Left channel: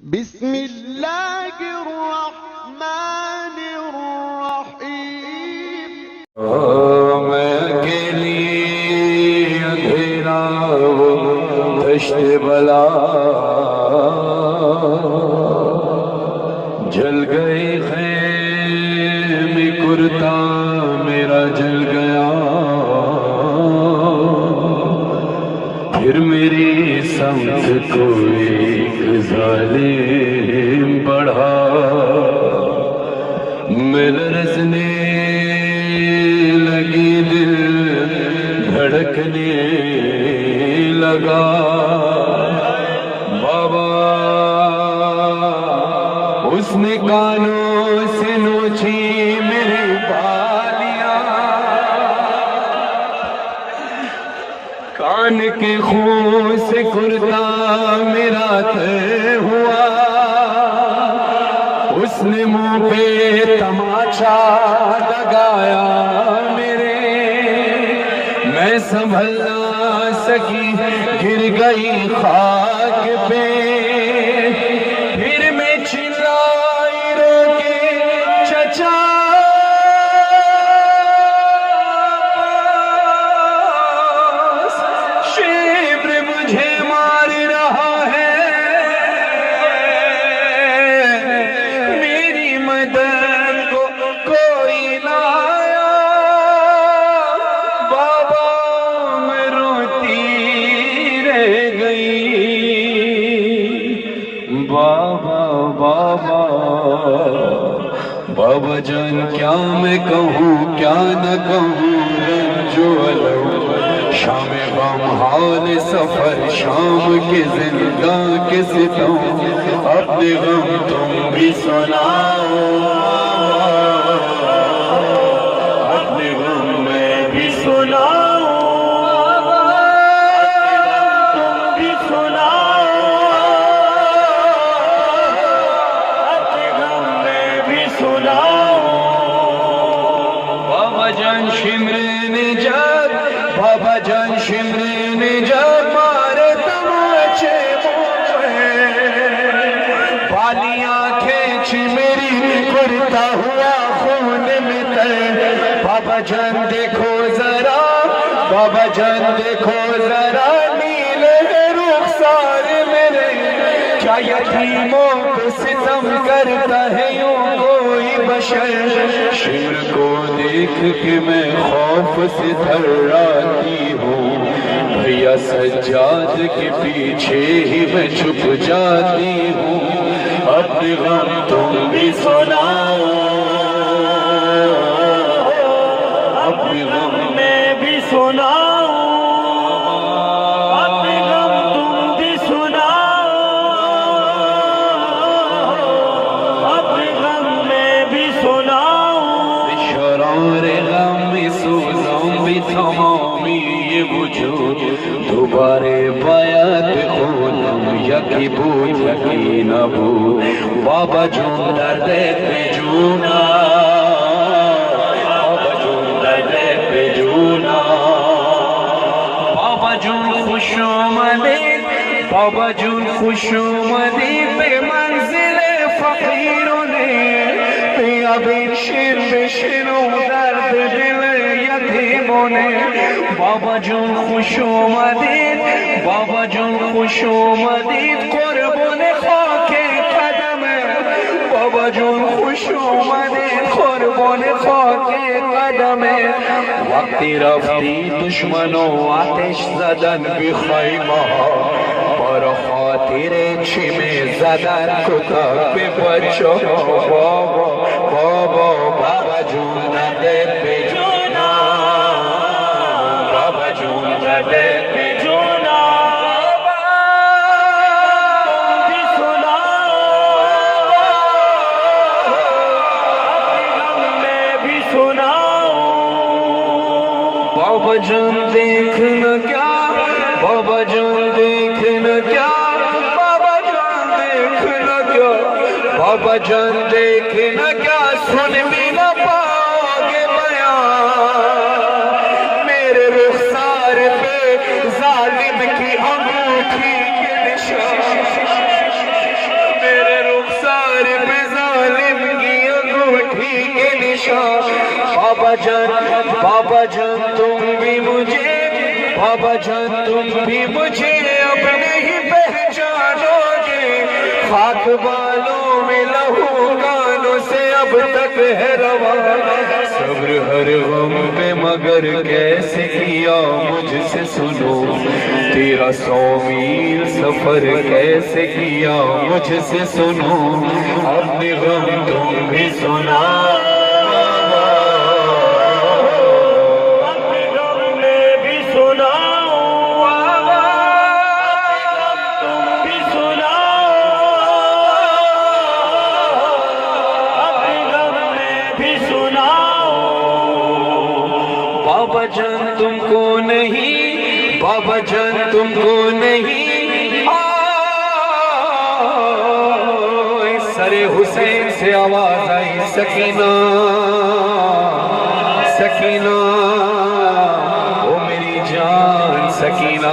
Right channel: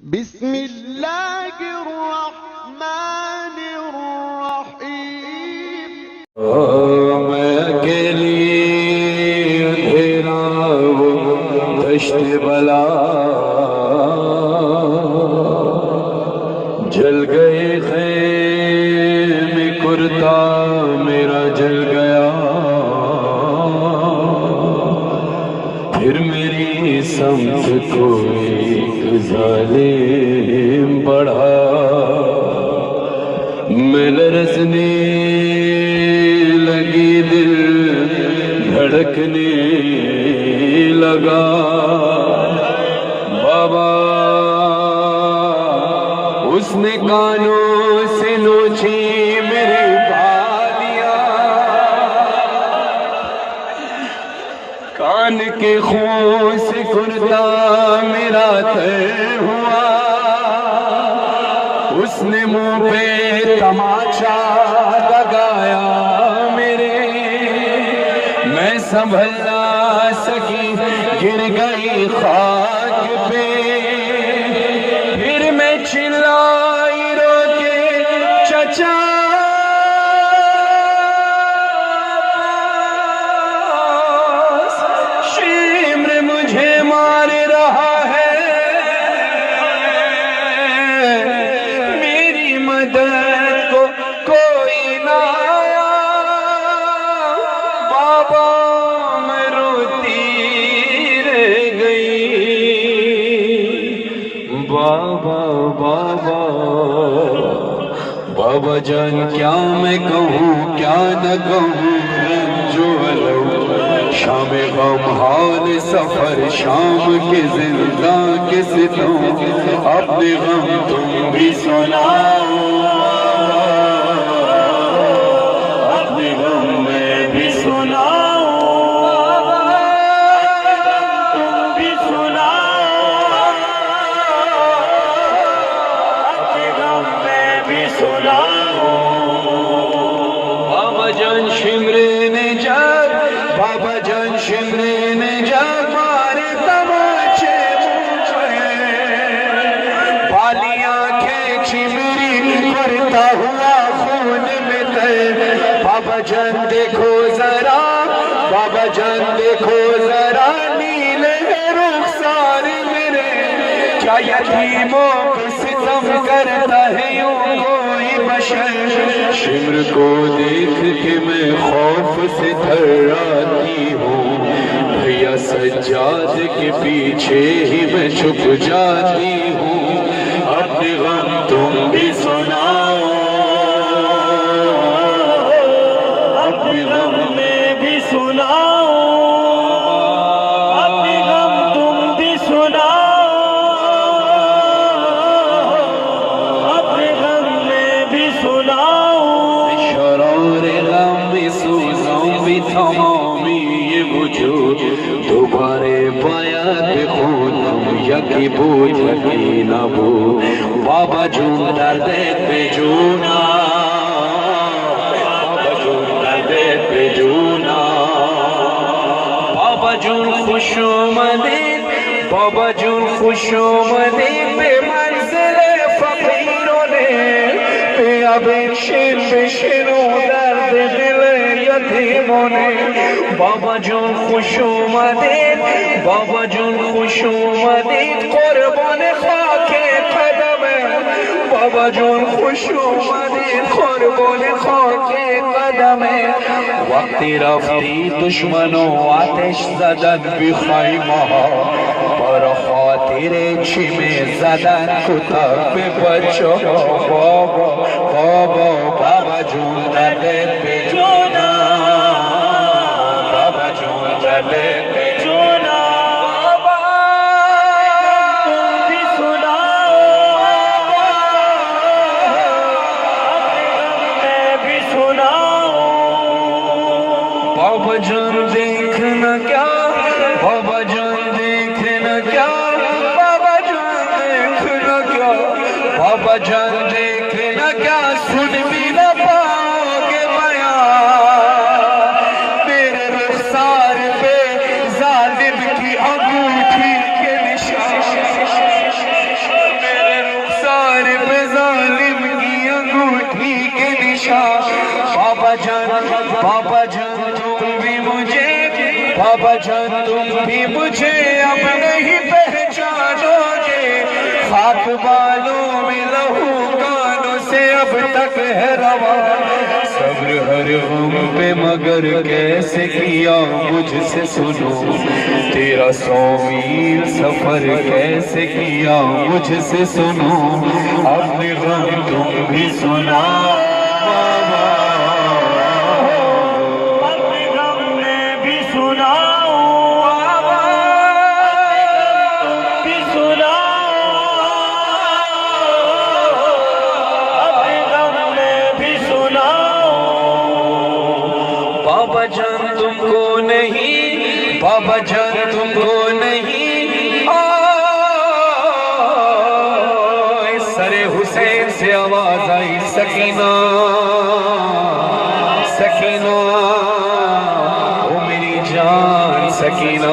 बिस्मिल्लाहिर्रहमानिर्रहीम। मैं अकेली अंधेरा वो दश्त बला, जल गए ख़ैमे कुर्ता मेरा जल गया, फिर मेरी समत कोई ज़ालिम बढ़ा, मैं लरज़ने लगी, दिल धड़कने लगा। बाबा उसने कानों से नोची मेरी बालियां, कान के खून से कुर्ता मेरा तय हुआ, उसने मुंह पे तमाचा लगाया मेरे, मैं संभल ना सकी गिर गई खाक पे, फिर मैं चिल्लाई रो के चचा शिम्र मुझे मार रहा है, मेरी मदद को कोई ना। बाबा मैं रोती रह गई, बाबा बाबा बाबा जान क्या मैं कहूँ क्या न कहूँ, रंजो अलम शाम गम हाल सफर शाम के जिंदा के सितम, अपने गम तुम भी सुनाओ, अपने गम मैं भी सुनाओ, तुम भी सुनाओ, अपने गम मैं भी सुनाओ। बाबा जान शिमरे ने जब, बाबा जान शिमरे ने जब मारे तमाचे मुझे, बालियां खींची मेरी कुर्ता हुआ खून में तय। बाबा जान देखो जरा, बाबा जान देखो जरा, नीले रुखसार मेरे, क्या यतीमों पे सितम करता है यूं कोई बशर। शिमर को देख के मैं खौफ से थर्राती हूँ, भैया सज्जाद के पीछे ही मैं छुप जाती हूँ, अपने गम तुम भी सुनाओ, अपने गम मैं भी सुनाओ, अपने गम तुम भी सुनाओ, अपने गम मैं भी सुनाओ। शरारे गम सूज़ों भी तमामी ये वजूद, दोबारे बायात खून यकी बूझ यकी न बू, बाबा जूं दर्द पे जूना, बाबा जूं दर्द पे जूना, बाबा जूं खुशोमदीद, बाबा जूं खुशोमदीद पे मंजिले फकीरों ने, अब शेर बेशेरो दर्द दिल यतीमों ने। बाबा जूं खुशोमदीद, बाबा जूं खुशोमदीद कुर्बान खाके कदम, बाबा जूं खुशोमदीद कुर्बान खाके कदम। वक्ती रफ्ती दुश्मनों आतिश ज़दन बि खैमा, पर खातिर छिमे ज़दन कुतब पे बच्चों। बाबा बाबा बाबा जूं दर्द पे जूना, बाबा जूं दर्द पे जूना, तुम भी सुनाओ, अपने गम में भी सुनाओ। बाबा जान देखना क्या, बाबा जान देखना क्या, बाबा जान देखना क्या, बाबा जान देखना क्या, सुन भी न पाओगे बयान, मेरे रुखसार पे जालिम की अंगूठी के निशान, बाबा जान तुम भी मुझे, बाबा जान तुम भी मुझे अब नहीं पहचानोगे। खाक बालों में लहू कानों से अब तक है रवा, सब्र हर गम पे मगर कैसे किया मुझसे सुनो। तेरा 100 मील सफर कैसे किया मुझसे सुनो। अपने गम तुम भी सुना, अपने गम में भी सुनाओ, तुम भी सुनाओ, अपने गम में भी सुनाओ। बाबा जान तुमको नहीं, बाबा जान तुमको नहीं, सरे हुसैन से आवाज आई सकीना, सकीना ओ मेरी जान सकीना।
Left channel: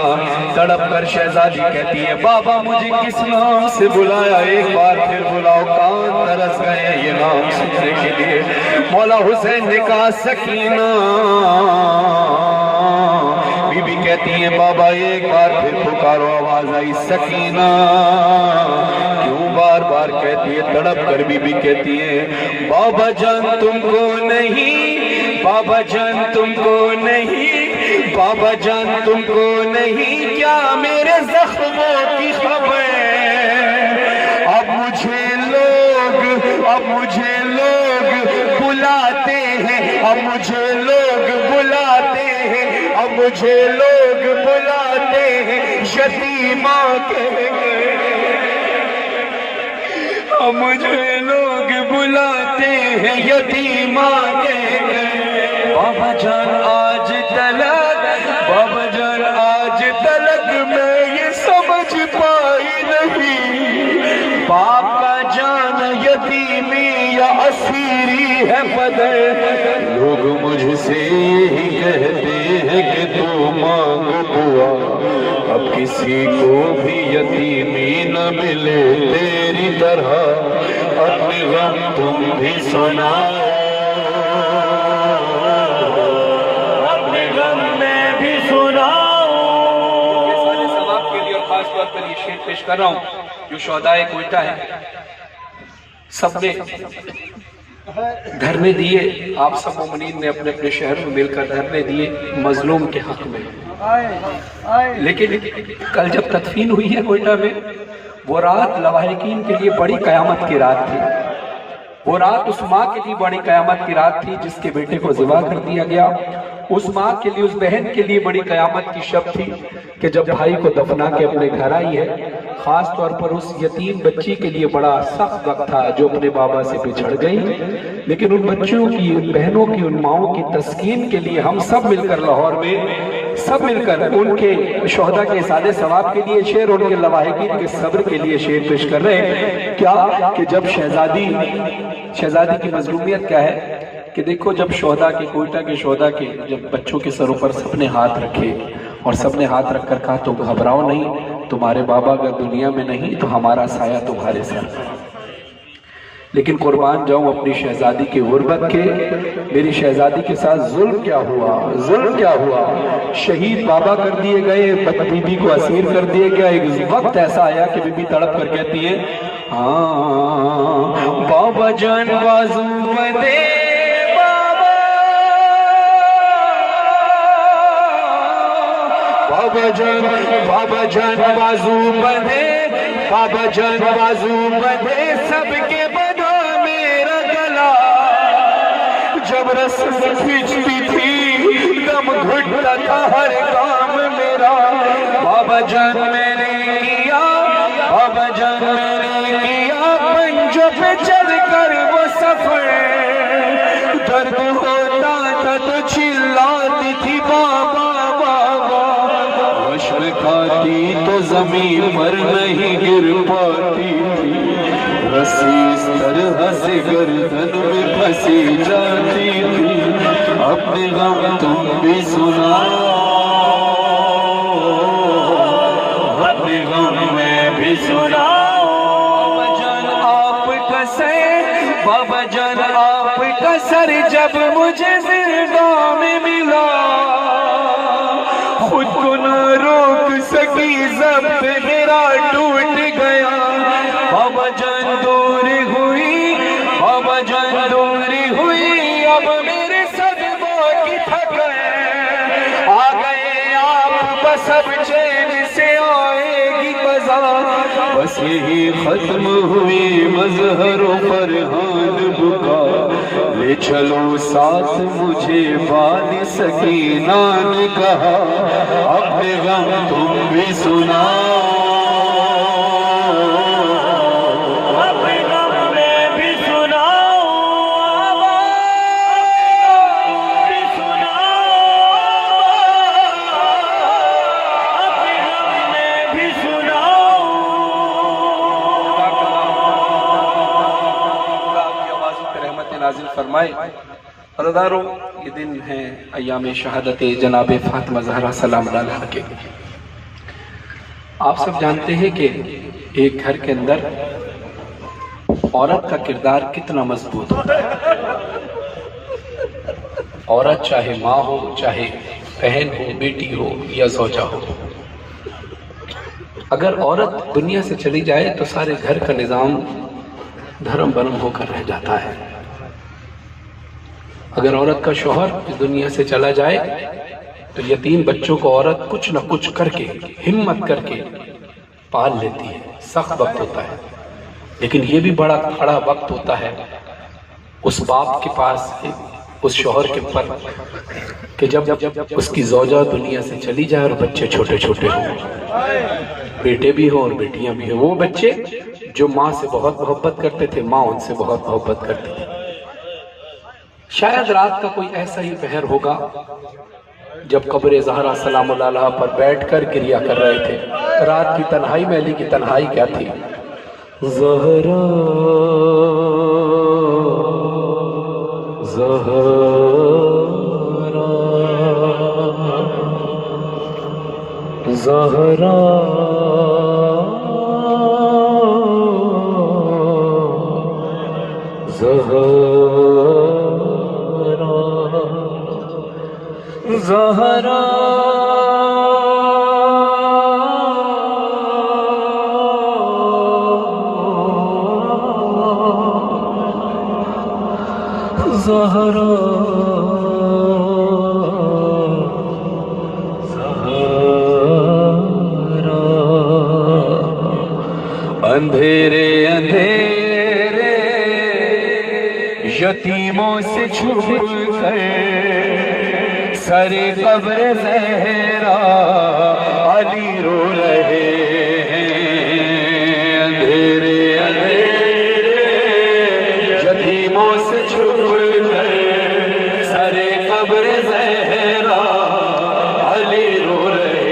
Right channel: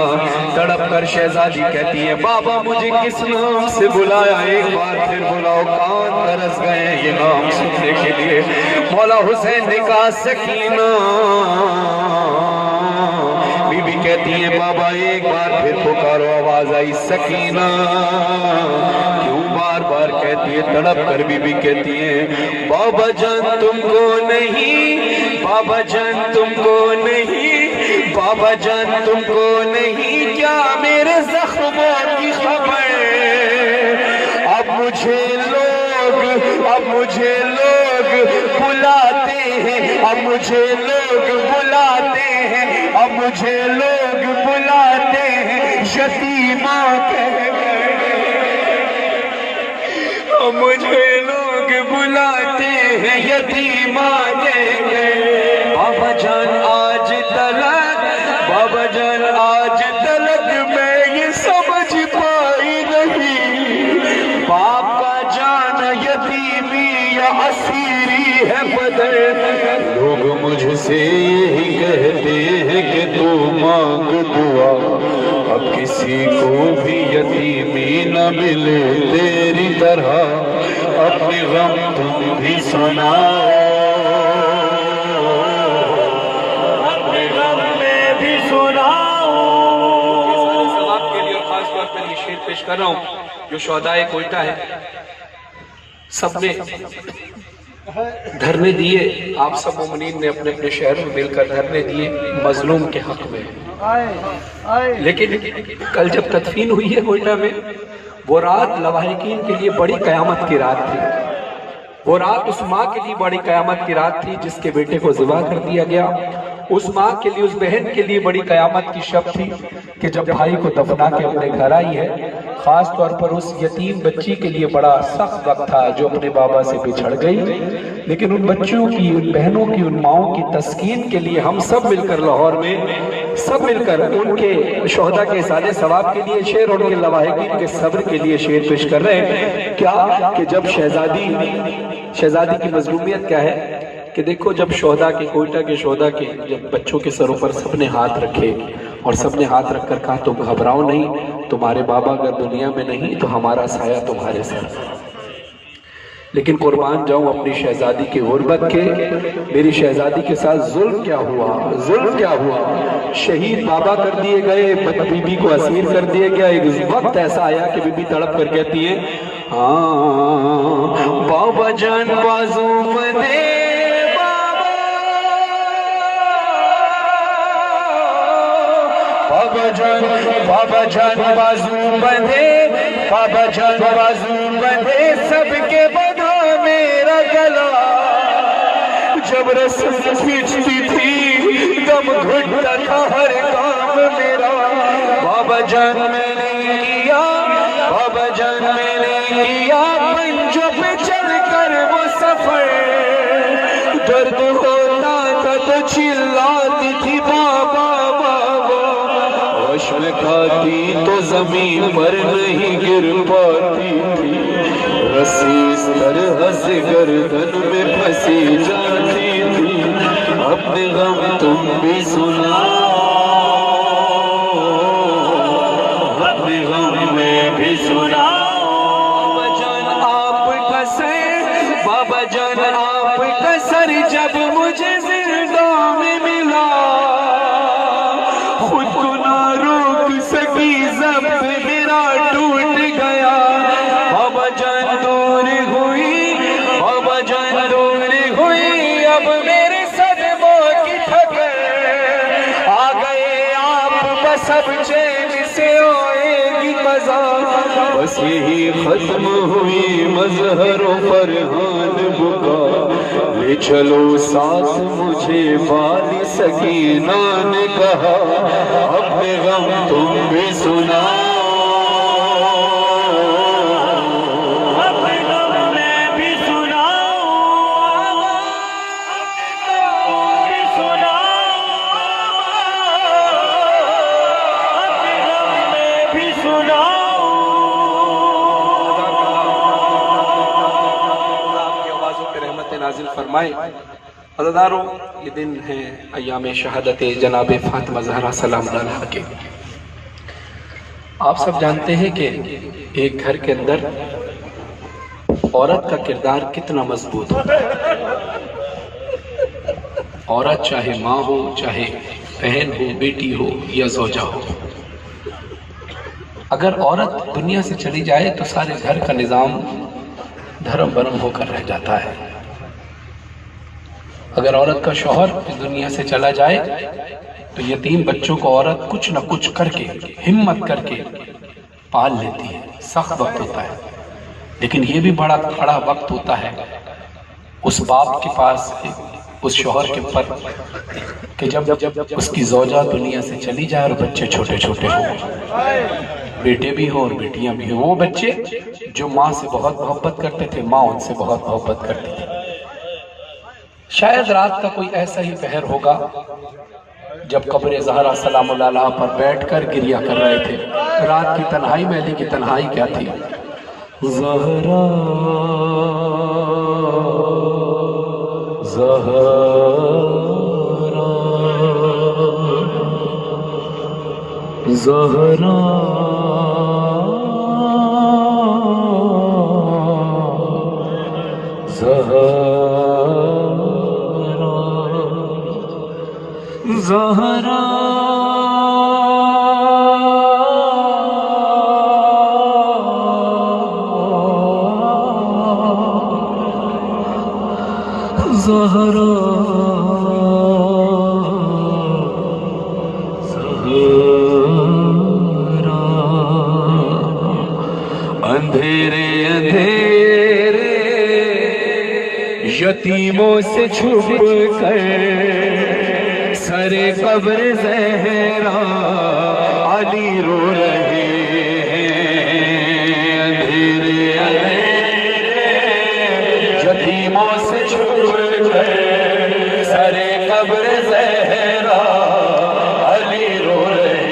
तड़प कर शहजादी कहती है बाबा मुझे किस नाम से बुलाया, एक बार फिर बुलाओ। कान तरस गए ये नाम सुनने के लिए। मौला हुसैन ने कहा सकीना। बीबी कहती है बाबा एक बार फिर पुकारो, आवाज आई सकीना। क्यों बार बार कहती है? तड़प कर बीबी कहती है बाबा जान तुमको नहीं, बाबा जान तुमको नहीं, बाबा जान तुमको नहीं, क्या मेरे जख्मों की खबर? अब मुझे लोग बुलाते हैं, अब मुझे लोग बुलाते हैं, अब मुझे लोग बुलाते हैं यतीमा कहकर, अब मुझे लोग बुलाते हैं यतीमा कहकर। बाबा जान आज तलक, बाबा जान आज तलक मैं ये समझ पाई नहीं, बाप का जान यतीमी या असीरी है बदर। लोग मुझसे यही कहते हैं कि तू मांग दुआ, अब किसी को भी यतीमी न मिले तेरी तरह। अपने गम तुम भी सुनाओ, अपने गम में भी सुनाओ। सलाम के लिए और खास तौर पर ये शेर पेश कर रहा हूँ जो शोहदाए कोयटा है। सबने धरने दिए, आप सब मोमिनीन ने अपने अपने शहर में मिलकर धरने दिए मजलूम के हक में। लेकिन कल जब तदफीन हुई है कोयटा में, वो रात लवाहिकीन के लिए बड़ी कयामत की रात थी। वो रात उस माँ के लिए बड़ी कयामत की रात थी जिसके बेटे को ज़िबा कर दिया गया। उस माँ के लिए, उस बहन के लिए बड़ी कयामत की शब थी कि जब भाई को दफना के अपने घर आई है। खास तौर पर उस यतीम बच्ची के लिए बड़ा सख्त वक्त था जो अपने बाबा से बिछड़ गई। लेकिन उन बच्चियों की, उन बहनों की, उन माओं की तस्कीन के लिए हम सब मिलकर लाहौर में, सब मिलकर उनके शोहदा के सादे सवाब के लिए शेर, उनके लवाहिकीन के सब्र के लिए शेर पेश कर रहे हैं। क्या कि जब शहजादी की मजलूमियत क्या है कि देखो, जब शोहदा के, कोयटा के शोहदा के जब बच्चों के सरों पर सबने हाथ रखे और सबने हाथ रखकर कहा तुम घबराओ नहीं, तुम्हारे बाबा अगर दुनिया में नहीं तो हमारा साया तुम्हारे सर। लेकिन कुर्बान जाऊं अपनी शहजादी की गुर्बत के, मेरी शहजादी के साथ जुल्म क्या हुआ, जुल्म क्या हुआ। शहीद बाबा कर दिए गए, बीबी को असीर कर दिया गया। एक वक्त ऐसा आया कि बीबी तड़प कर कहती है हाँ बाबा जान बाजू बंदे, बाबा जान बाजू बंधे, बाबा जान बाजू बंधे, सबके बंधा मेरा गला। जब रस्सी खींचती थी दम घुटता था हर काम मेरा। बाबा जान मैंने किया, बाबा जान मैंने किया पंजों पे चढ़कर वो सफर। दर्द होता था तो चिल्लाती थी बाबा बाबा, अश्क खाती तो जमीन पर नहीं गिर पाती थी। रस्सी इस तरह से गर्दन में फंसी जाती थी। अपने गम तुम भी सुनाओ, अपने गम में भी सुनाओ। बाबा जान आपका सर, बाबा जान आपका सर जब मुझे मिला, खुद को न रोक सकी, ज़ब्त मेरा टूट गया। बाबा जान दूर हुई, बाबा जान दूर हुई, अब मेरे सदमों की थक गए। आ गए आप बस अब चैन से आएगी मजा, बस यही खत्म हुई मजहरों पर हाथ बुका। ले चलो साथ मुझे बान सकीना ने कहा, अपने गम तुम भी सुनाओ, अपने गम में भी सुनाओ, भी सुनाओ, अपने गम में भी सुनाओ। नाजिल फरमाए। अज़दारों, ये दिन है अय्याम शहादत जनाब फातिमा ज़हरा सलाम अलैहा के। आप सब जानते हैं कि एक घर के अंदर औरत का किरदार कितना मजबूत होता है। औरत चाहे माँ हो, चाहे बहन हो, बेटी हो या ज़ौजा हो, अगर औरत दुनिया से चली जाए तो सारे घर का निज़ाम धर्म बरम होकर रह जाता है। अगर औरत का शौहर इस दुनिया से चला जाए तो यतीम बच्चों को औरत कुछ न कुछ करके, हिम्मत करके पाल लेती है। सख्त वक्त होता है, लेकिन ये भी बड़ा खड़ा वक्त होता है उस बाप के पास, उस शौहर के पर, कि जब उसकी ज़ौजा दुनिया से चली जाए और बच्चे छोटे छोटे हों, बेटे भी हो और बेटियां भी हो। वो बच्चे जो माँ से बहुत मोहब्बत करते थे, माँ उनसे बहुत मोहब्बत करती थी। शायद रात का कोई ऐसा ही पहर होगा जब कब्र ज़हरा सलाम अलैहा पर बैठकर गिरिया कर रहे थे। रात की तन्हाई में अली की तन्हाई क्या थी? ज़हरा ज़हरा ज़हरा ज़हरा ज़हरा अंधेरे अंधेरे यतीमों से छुप कर सरे कब्र ज़हरा अली रो रहे हैं। अंधेरे अंधेरे यतीमों से छुप कर सरे कब्र ज़हरा अली रो रहे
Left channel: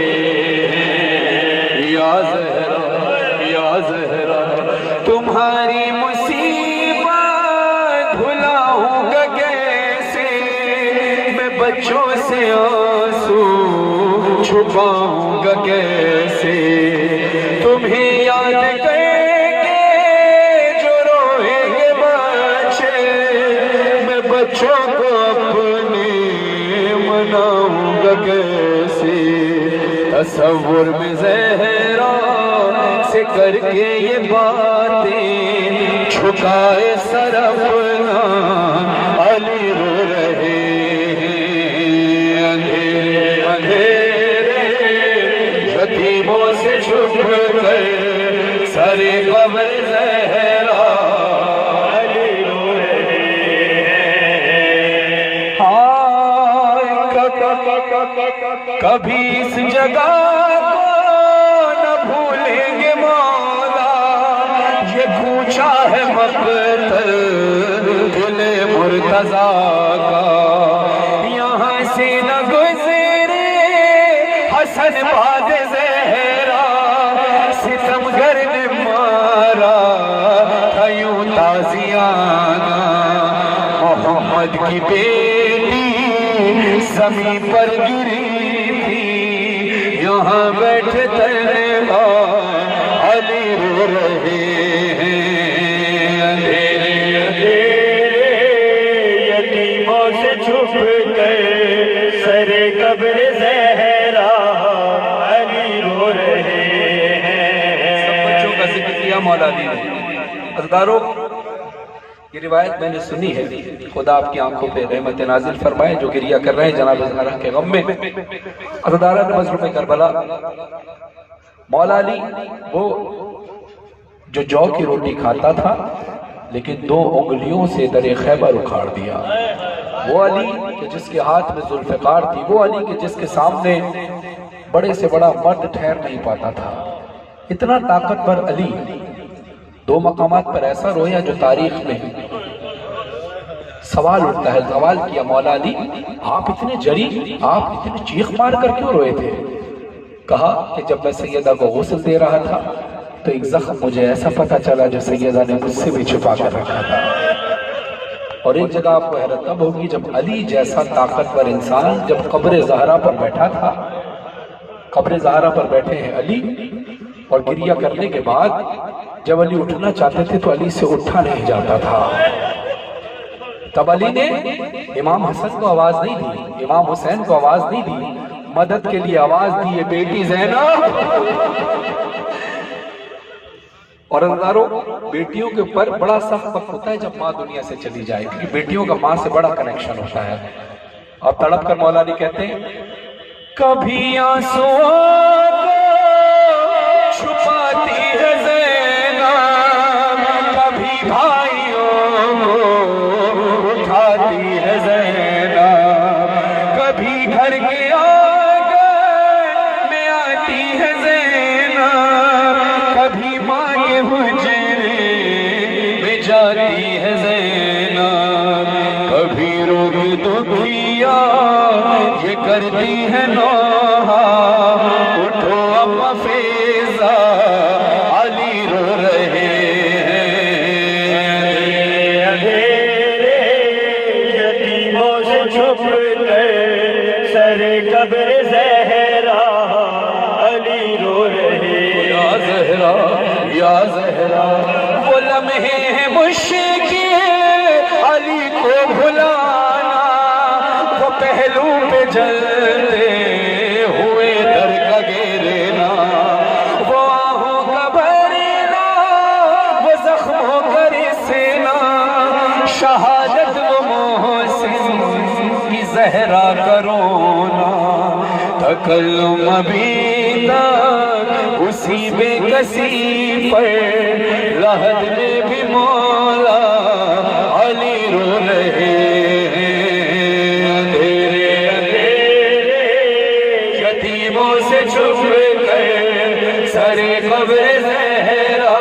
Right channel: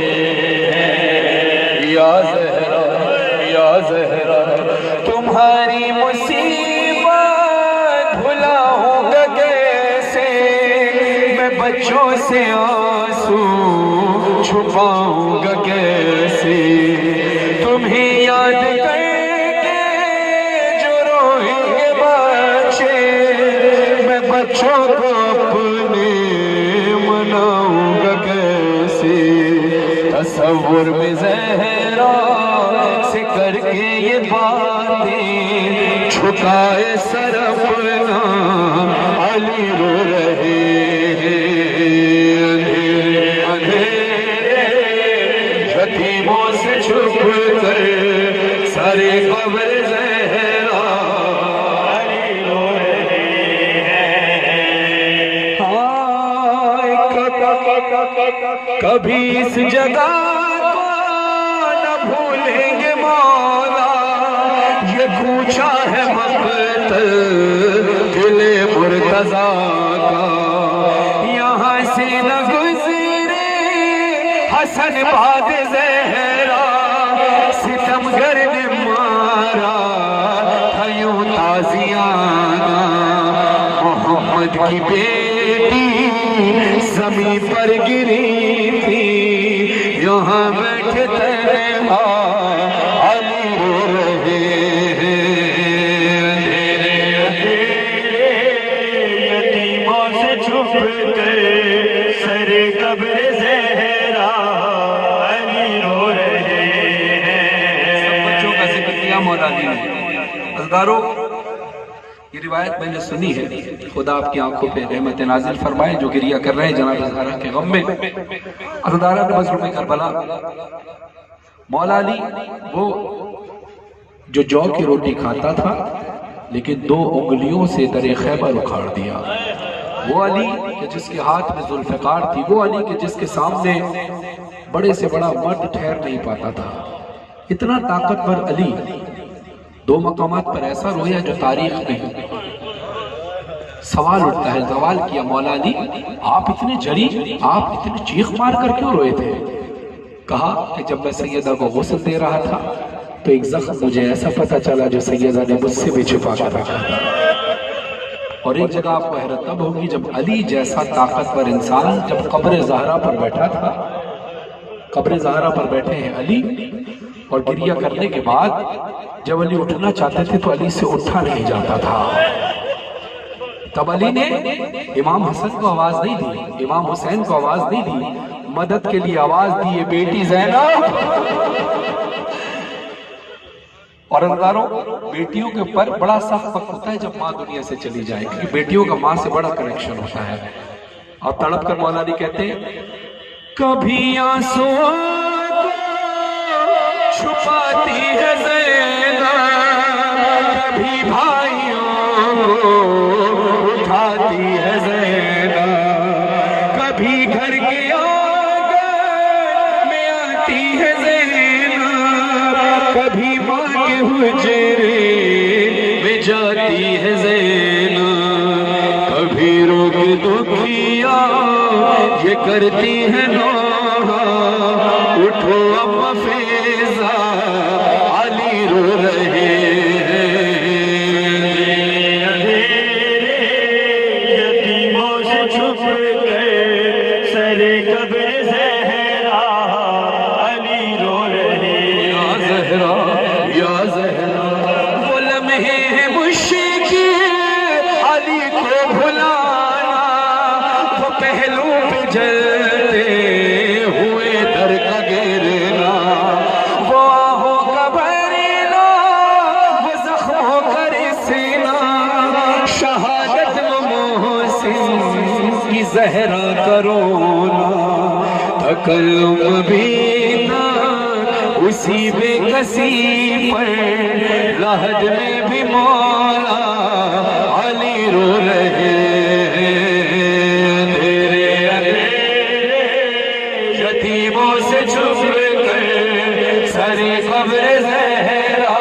हैं। या ज़हरा तुम्हारी मुसीबत भुलाऊंगा कैसे, मैं बच्चों से आंसू छुपाऊंगा कैसे। तुम्हें याद करके जो रोएंगे बच्चे, मैं बच्चों को अपने मनाऊंगा कैसे। तसव्वुर में ज़हरा से करके ये बातें छुपाए सर अपना अली रो रहे हैं। अंधेरे अंधेरे यतीमों से छुप कर सारे कब्र ज़हरा अली रो रहे हैं। कभी इस जगह को न भूलेंगे मौला, ये पूछा है मक़तल दिले मुर्तज़ा का। यहाँ से न गुज़रे हसन बाद ज़हरा, सितमगर ने मारा था यूं ताज़ियाना। मोहम्मद की बेटी ज़मीं पर गिरी थी, यहाँ बैठे तन्हा अली रो रहे हैं। अंधेरे अंधेरे यतीमों से छुप कर मौला अली ने। अज़दारों, ये रिवायत मैंने सुनी है, खुदा आपकी आंखों पे रहमत नाजिल फरमाए जो गिरिया कर रहे हैं जनाब ज़हरा के गम में। अज़दारा मज़लूम करबला, मौला अली वो जो जौ की रोटी खाता था लेकिन 2 उंगलियों से दरे खैबर उखाड़ दिया। वो अली कि जिसके हाथ में जुल्फ़िकार थी, वो अली कि जिसके सामने बड़े से बड़ा मर्द ठहर नहीं पाता था। इतना ताकतवर अली 2 मकामात पर ऐसा रोया जो तारीख नहीं। सवाल उठता है, सवाल किया मौला अली आप इतने जरी, आप इतनी चीख मार कर क्यों रोए थे? कहा कि जब मैं सैयदा को गुस्ल दे रहा था तो एक जख्म मुझे ऐसा पता चला जो सैयदा ने मुझसे भी छुपा कर रखा था। और एक जगह आपको हैरत तब होगी जब अली जैसा ताकतवर इंसान जब कब्र ज़हरा पर बैठा था, कब्र ज़हरा पर बैठे हैं अली, और गिरिया करने के बाद जब अली उठना चाहते थे तो अली से उठा नहीं जाता था। तब अली ने इमाम हसन को आवाज नहीं दी, इमाम हुसैन को आवाज नहीं दी, मदद के लिए आवाज दी है बेटी ज़ैनब। और अज़दारों, बेटियों के ऊपर बड़ा सख्त वक्त होता है जब माँ दुनिया से चली जाए, क्योंकि बेटियों का माँ से बड़ा कनेक्शन होता है। और तड़प कर मौला अली कहते हैं, कभी आंसुओं को छुपाती है ज़ैनब, कभी भाइयों उठाती है ज़ैनब, कभी घर के आंगन में आती है ज़ैनब, कभी माँ के हुजरे में जाती है ज़ैनब, कभी रोग दुखिया ये करती है नौहा, उठो अब फैज़ा अली रो रहे अंधेरे यतीमों से छुप गए, सरे कब्र ज़हरा अली रो रहे। या ज़हरा, या ज़हरा, वो लम्हे हैं मुश्किल अली को भुलाना, वो पहलू पे जलते हुए दर का गिरना, वो आहों का भरना, वो जख्मों का रिसना, शहादत वो मोहसिन की ज़हरा का रोना, तकल्लुम अबीदा उसी बेकसी पर, राहत में भी मौला अली रो रहे हैं। अंधेरे अंधेरे यतीमों से छुप गए, सरे कब्र ज़हरा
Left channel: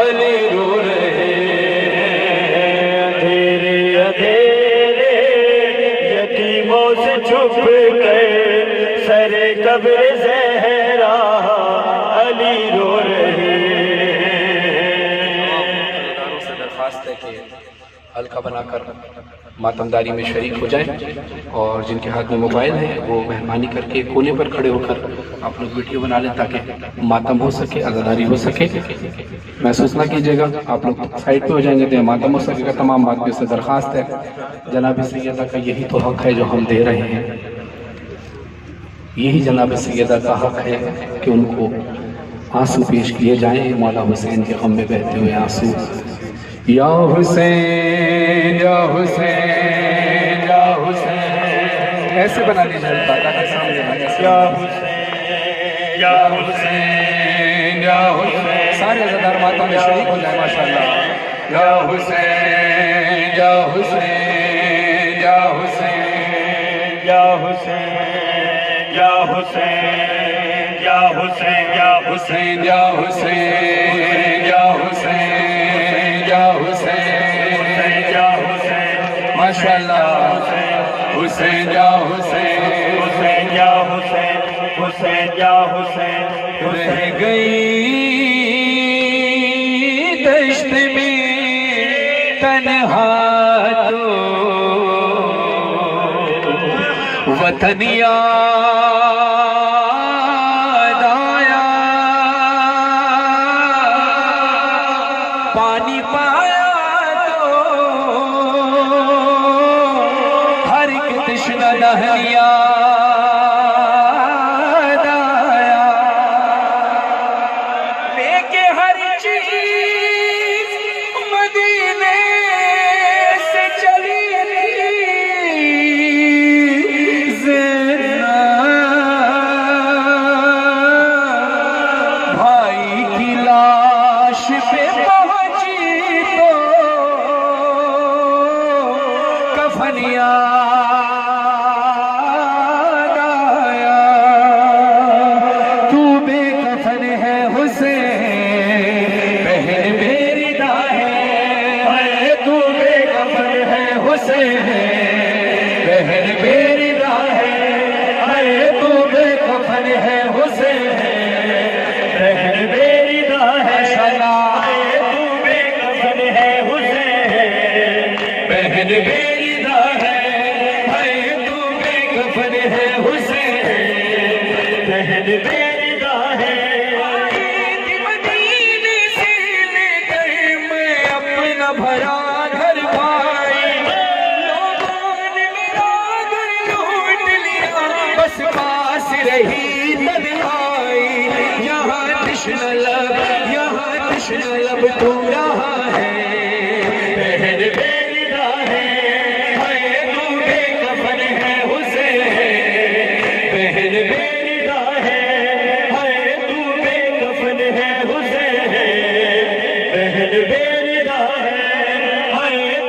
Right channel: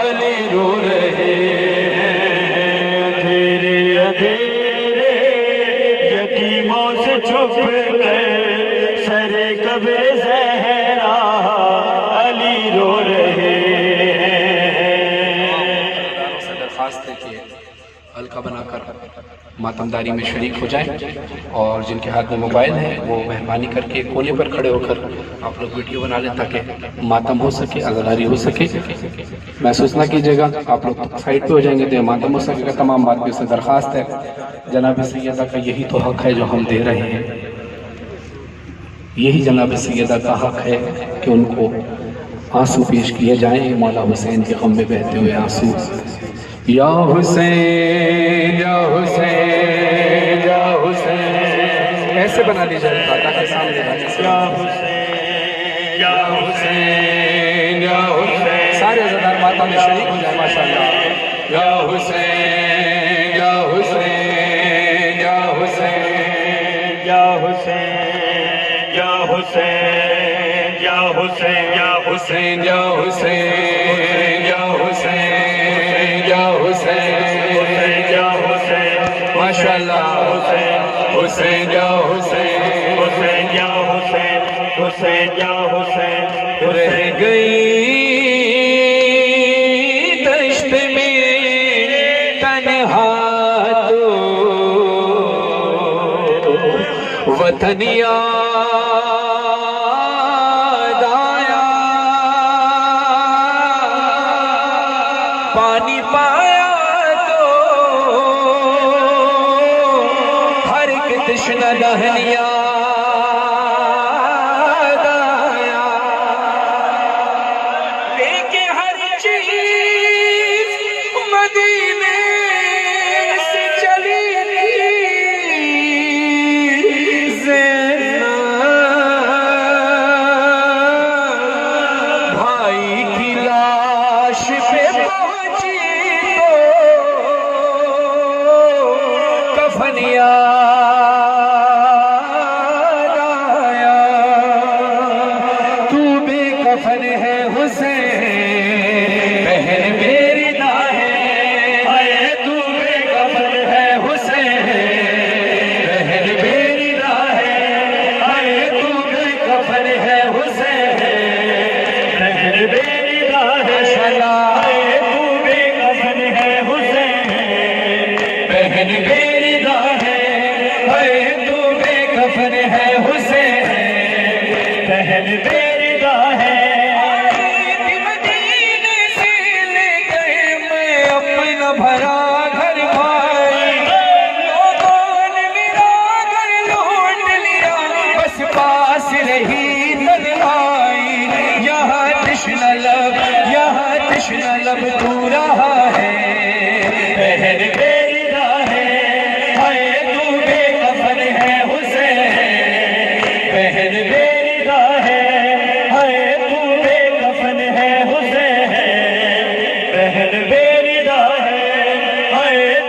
अली रो रहे हैं। अंधेरे अंधेरे यतीमों से छुप गए, सरे कब्र ज़हरा अली रो रहे हैं। से दरख्वास्त है कि हल्का बनाकर मातमदारी में शरीक हो जाए, और जिनके हाथ में मोबाइल है वो मेहरबानी करके कोने पर खड़े होकर आप लोग वीडियो बना लें ताकि मातम हो सके, आज़ादारी हो सके। महसूस ना कीजिएगा, आप लोग साइड पे हो जाएंगे तो मातम हो सकेगा। तमाम बात से दरख्वास्त है, जनाब सैयदा का यही तो हक है जो हम दे रहे हैं, यही जनाब सैयदा का हक है कि उनको आंसू पेश किए जाएं, मौला हुसैन के गम में बहते हुए आंसू। या हुसैन, या हुसैन, या हुसैन, ऐसे बना दीजिए हल्का ताकि सामने बने। या हुसैन, या हुसैन, या हुसैन, सारे अज़ादार माता में शरीक हो जाए माशाअल्लाह। या हुसैन, या हुसैन, या हुसैन, या हुसैन, या हुसैन, या हुसैन, या हुसैन, या हुसैन, या हुसैन, या हुसैन, या हुसैन, माशाअल्लाह। हुसैन, या हुसैन, हुसैन, या हुसैन, हुसैन, या हुसैन, रह गई दश्त में तन्हा तो वतन याद आया, पानी पाया तो हर एक तश्ना दहन याद आया, लेके हर चीज पहुंची तो कफन याद आया, तू बेकफन है हुसैन बहन मेरी दा है, तू बेकफन है हुसैन बहन मेरी दा है, तू बेकफन है हुसैन बहन मेरी दा है, तू बेकफन है हुसैन बहन मेरी दा है, तू बेकफन है हुसैन बहन मेरी दा है। मदीने से ले गए मैं अपना भरा घर भाई, लोगों ने मेरा घर लूट लिया, बस पास रही तन्हाई, यहाँ तृष्णा लब तू रहा है बहन मेरी दा है, तू बेकफन है हुसैन बहन मेरी दा है, तू बेकफन है हुसैन बहन मेरी दा है,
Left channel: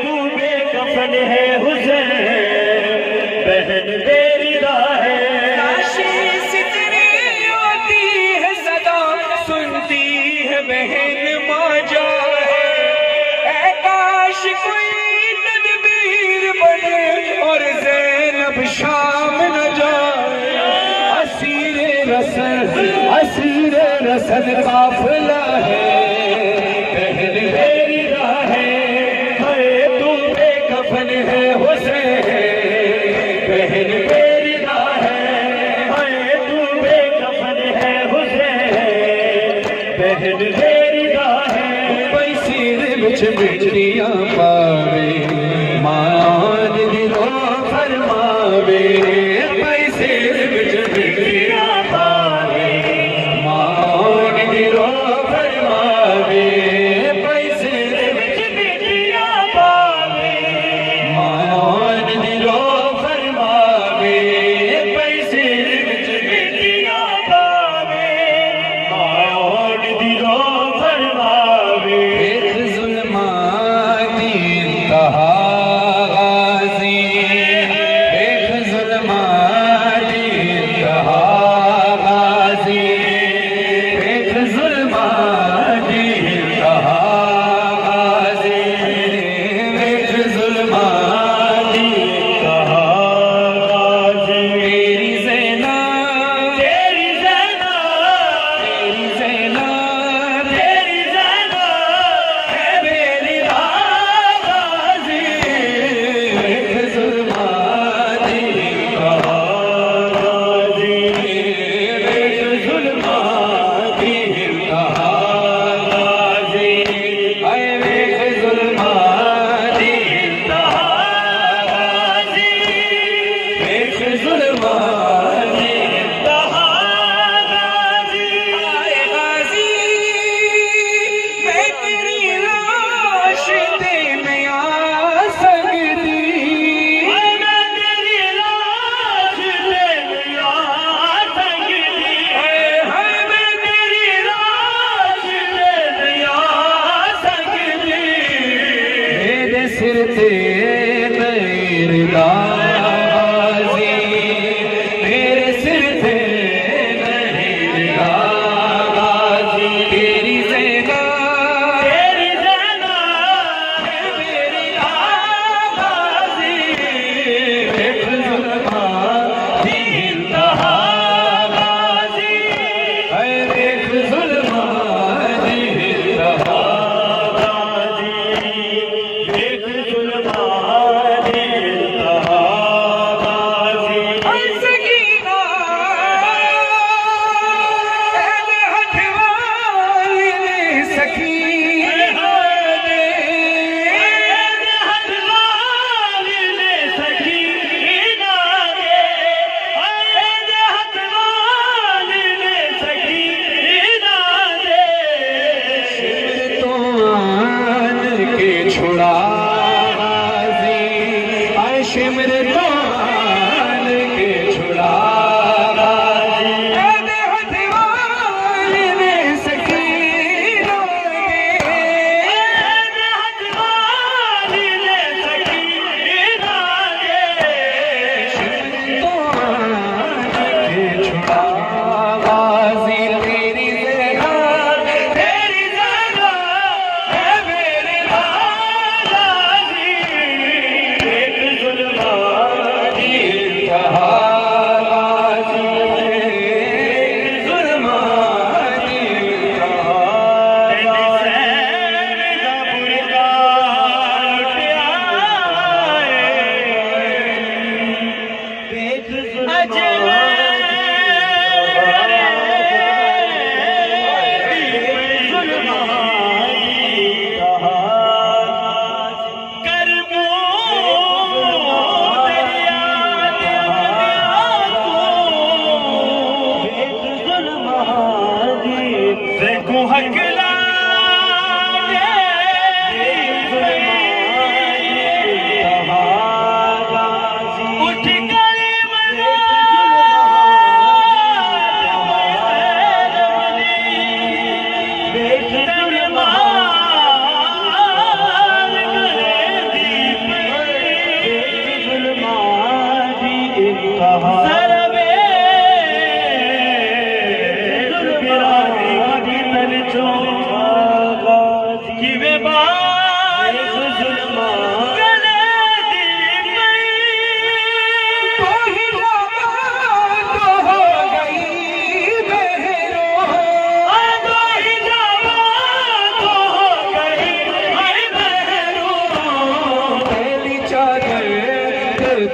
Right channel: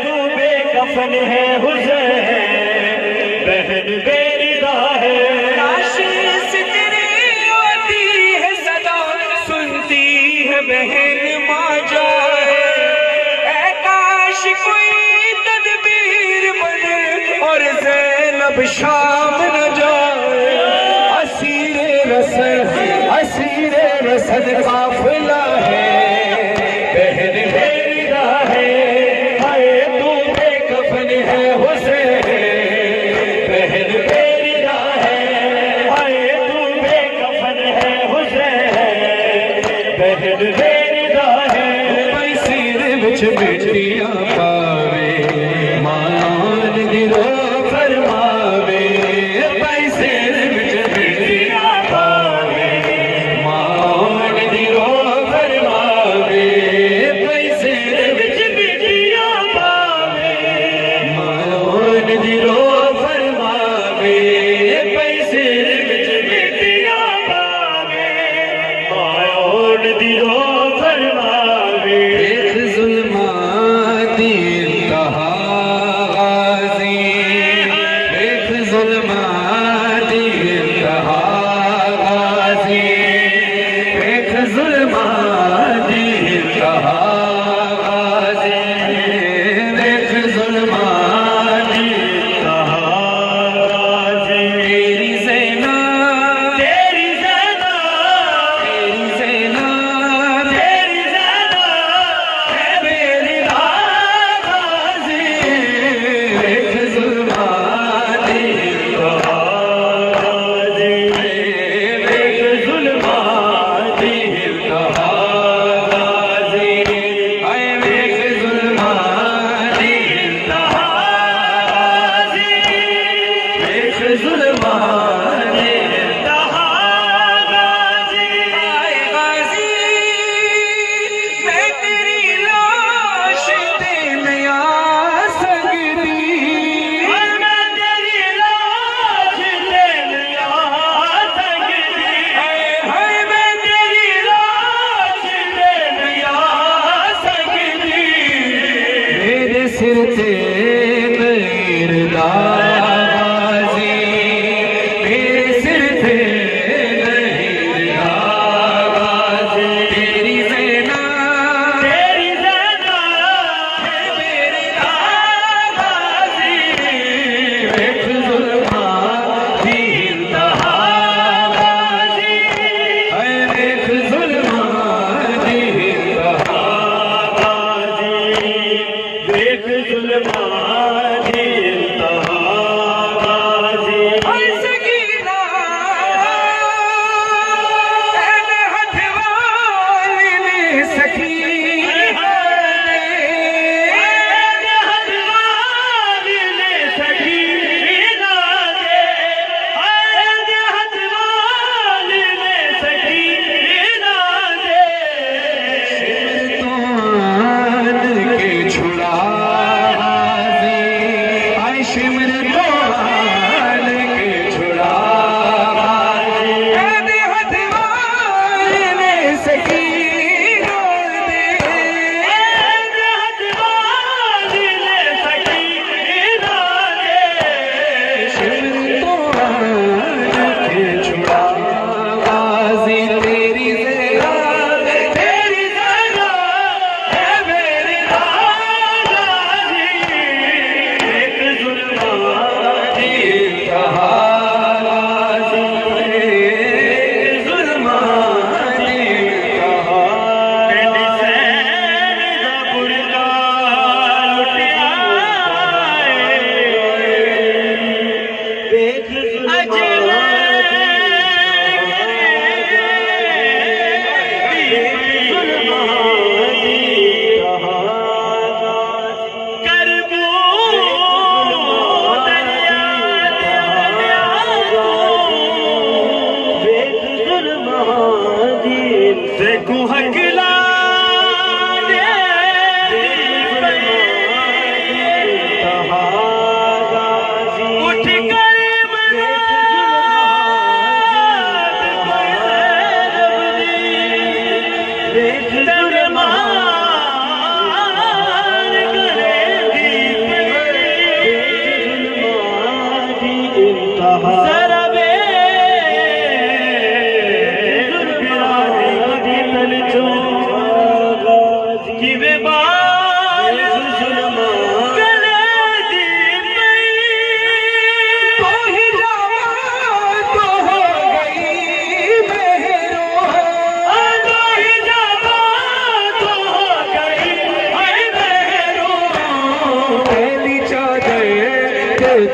तू बेकफन है हुसैन बहन मेरी दा है। काशी से तेरी आती है सदा, सुनती है बहन माँ जाए, ऐ काश कोई तदबीर बने और ज़ैनब शाम न जाए, असीरे रसद काफिला है बहन मेरी दा है, तू बेकफन है हुसैन बहन मेरी दा है, तू बेकफन है हुसैन बहन मेरी दा है। पैसे विच बिजलियां पावे मान दिलो फरमावे, पैसे विच बिजलियां पावे मान दिलो फरमावे, पैसे विच बिजलियां पावे मान दिलो फरमावे, पैसे विच बिजलियां पावे मान दिलो फरमावे। देख ज़ुल्मात दी इंतहा गाज़ी, देख ज़ुल्मात दी इंतहा गाज़ी, देख ज़ुल्मात दी इंतहा गाज़ी, देख ज़ुल्मात दी इंतहा गाज़ी। तेरी ज़ैना तेरी ज़ैना तेरी ज़ैना तेरी ज़ैना है मेरी गाज़ी, देख ज़ुल्मात दी इंतहा गाज़ी, देख ज़ुल्मात दी इंतहा गाज़ी, देख ज़ुल्मात दी इंतहा गाज़ी, देख ज़ुल्मात दी इंतहा गाज़ी। गाज़ी मैं तेरी लाश ते में आ सकती, मैं तेरी लाश ते में आ सकती, हाय मैं तेरी लाश ते में आ सकती, मेरे सिर ते नहीं रदा गाज़ी, मेरे सिर ते नहीं रदा गाज़ी। तेरी ज़ैना तेरी ज़ैना है मेरी गाज़ी, देख ज़ुल्मात दी इंतहा गाज़ी, देख ज़ुल्मात दी इंतहा गाज़ी, देख ज़ुल्मात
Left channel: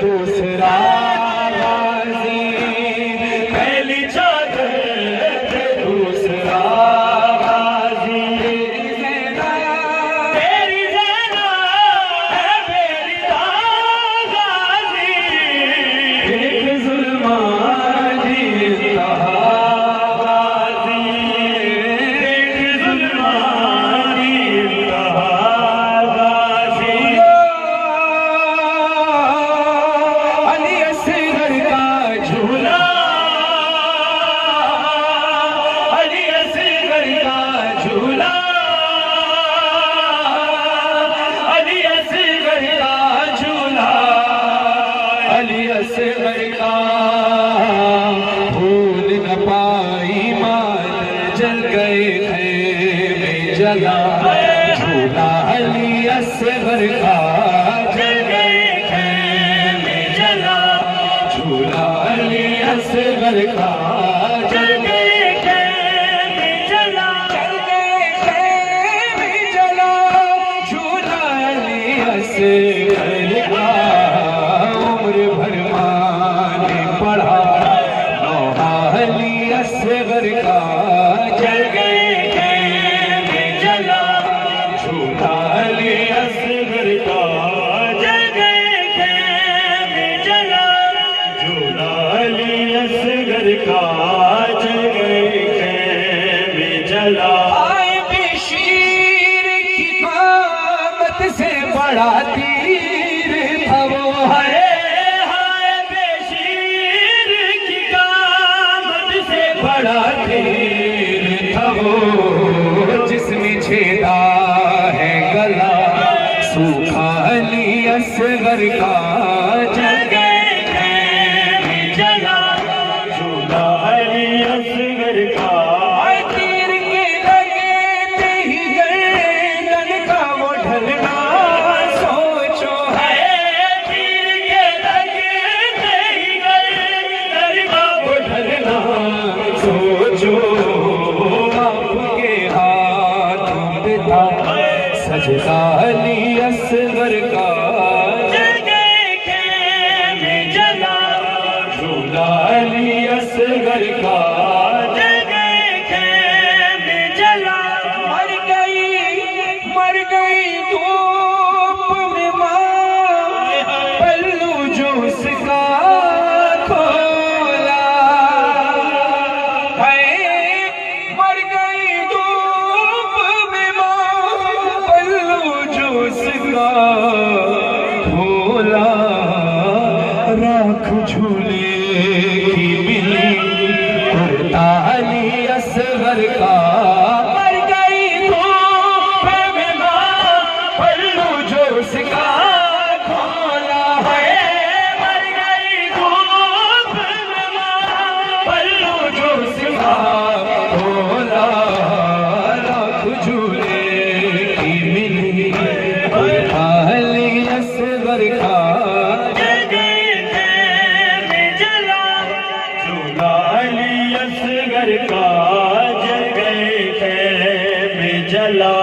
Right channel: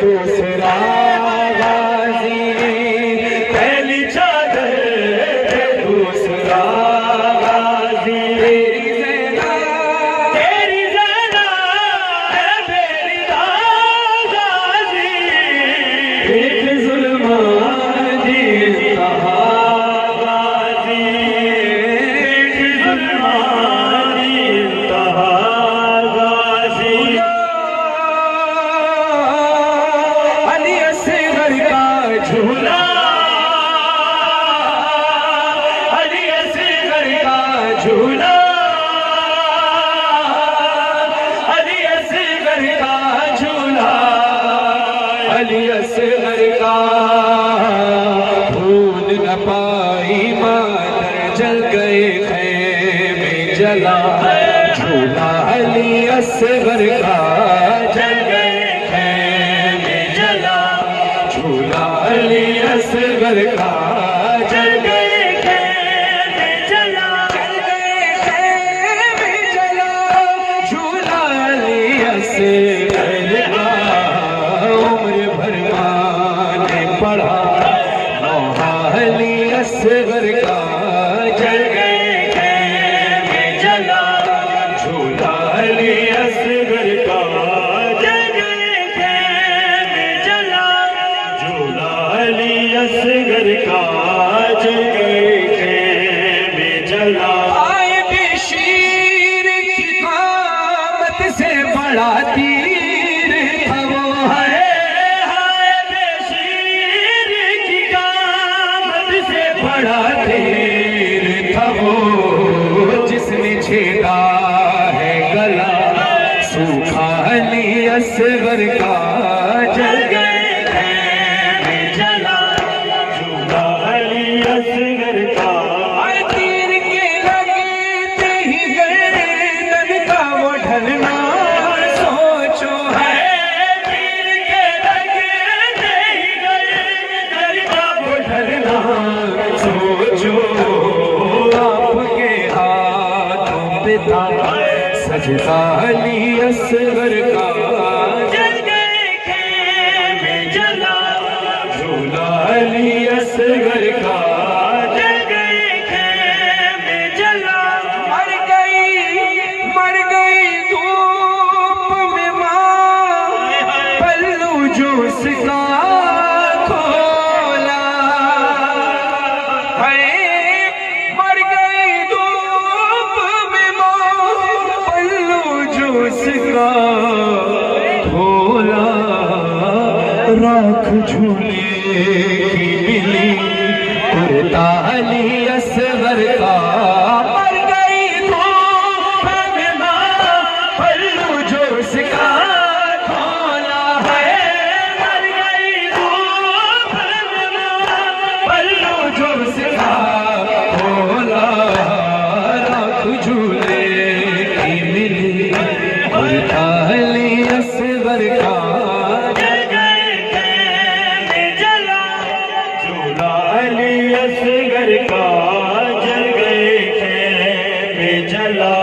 दूसरा गाजी, पहली चादर पे दूसरा गाजी। तेरी ज़रा है मेरी गाजी, एक जुल्मान जी कहा गाजी, एक जुल्मानी कहा गाजी। अली असगर का झूला, अली असगर का झूला, अली असगर का झूला, अली असगर का भूल न पाई मादर, जल गए खैमे जला झूला। अली असगर का जल गए खैमे जला, झूला, अली असगर का जल गए खैमे जला, जल गए खैमे जला, झूला अली असगर का। उम्र भर माने पढ़ा नौहा अली असगर का, जल गए खैमे जला, झूला अली असगर का। जल गए खैमे जला, झूला अली असगर का। जल गए खैमे जला। आए बेशीर की कामत से बड़ा तीर था वो, हाय हाय बेशीर की कामत से बड़ा तीर था वो, जिसने छेदा है गला सूखा अली असगर का। जल गए खैमे जला, झूला अली असगर का। आए तीर के लगते ही गर्दन का वो ढलना सोचो है। तीर के लगते ही गर्दन का वो ढलना सोचो आपके हाथों पे था सजदा अली असगर का। जल गए खैमे जला, झूला अली असगर का। जल गए खैमे जला। मर गई धूप में माँ, पल्लू जो उसका खोला है। मर गई धूप में माँ, पल्लू जो उसका खोला। राख झूले की मिली कुर्ता अली असगर का। मर गई धूप में माँ, पल्लू जो उसका खोला है। मर गई धूप में माँ, पल्लू जो उसका खोला। राख झूले की मिली कुर्ता अली असगर का। जल गए खैमे जला, झूला अली असगर का। जल गए खैमे जला,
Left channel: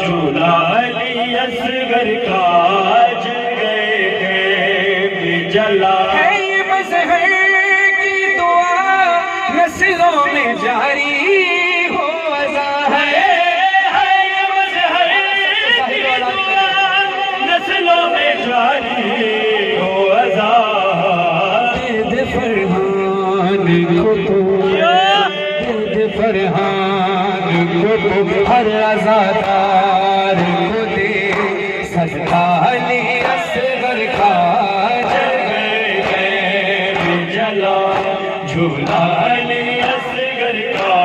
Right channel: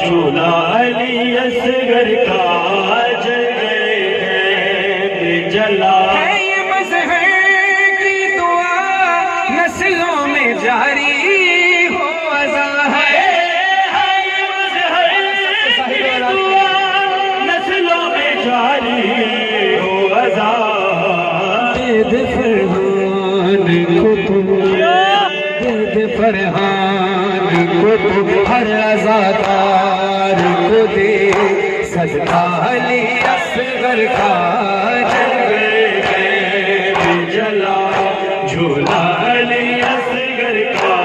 झूला अली असगर का। जल गए खैमे जला। है ये मज़हर की दुआ नस्लों में जारी हो अज़ा है। नस्लों में जारी हो अज़ा। दे फरहान को तो, दे फरहान को तो, हर आज़ादार को दे सदका अली असगर का। जल गए खैमे जला, झूला अली असगर का।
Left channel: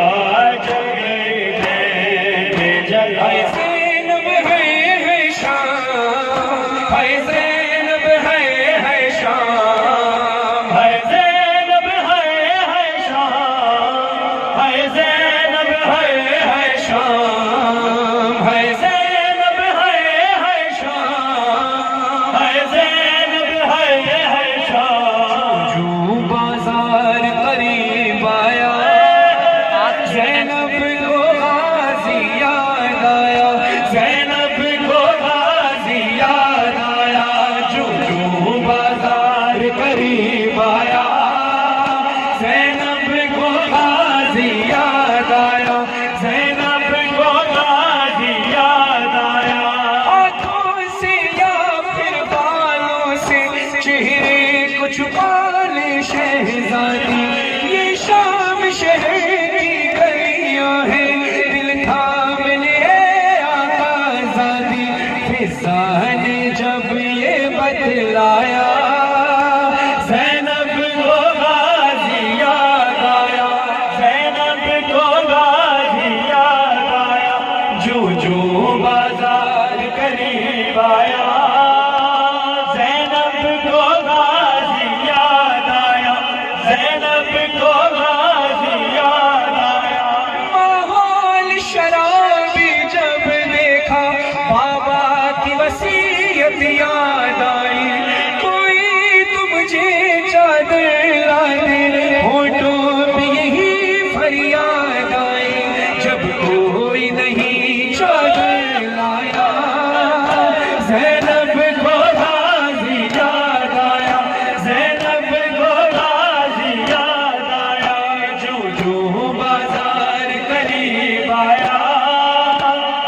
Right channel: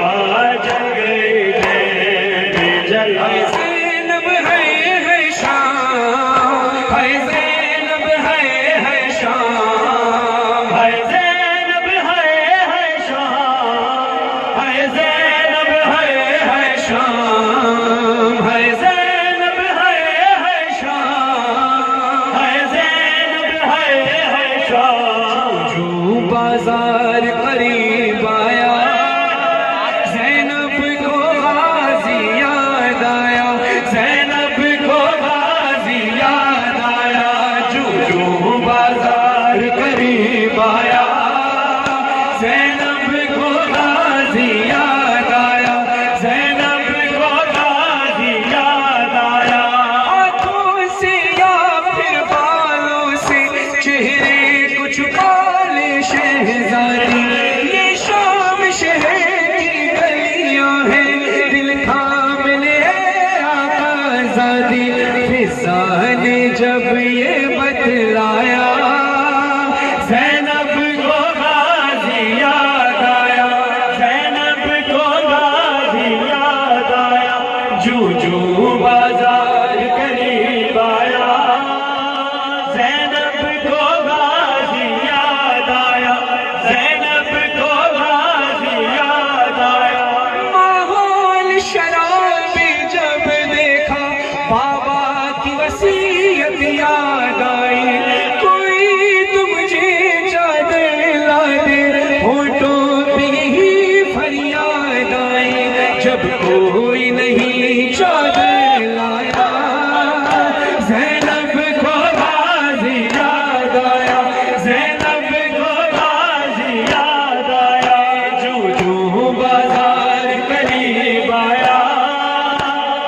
जल गए खैमे जला। ज़ैनब है शाम, है ज़ैनब है शाम, है ज़ैनब है शाम, है ज़ैनब है शाम, दी फिजा ने जब ये बतलाया, ज़ैनब को गाज़ी याद आया, ज़ैनब को गाज़ी याद आया, जो जो बाजार करीब आया, ज़ैनब को गाज़ी याद आया, ज़ैनब को गाज़ी याद आया। माहौल शराबी जब देखा, बाबा की वसीयत याद आई, कोई तो मुझे चादर ला दे, होठों पे ही फरियाद आई, जब कोई नहीं चादर लाया, ज़ैनब को गाज़ी याद आया, ज़ैनब को गाज़ी याद आया, जो जो बाजार करीब आया,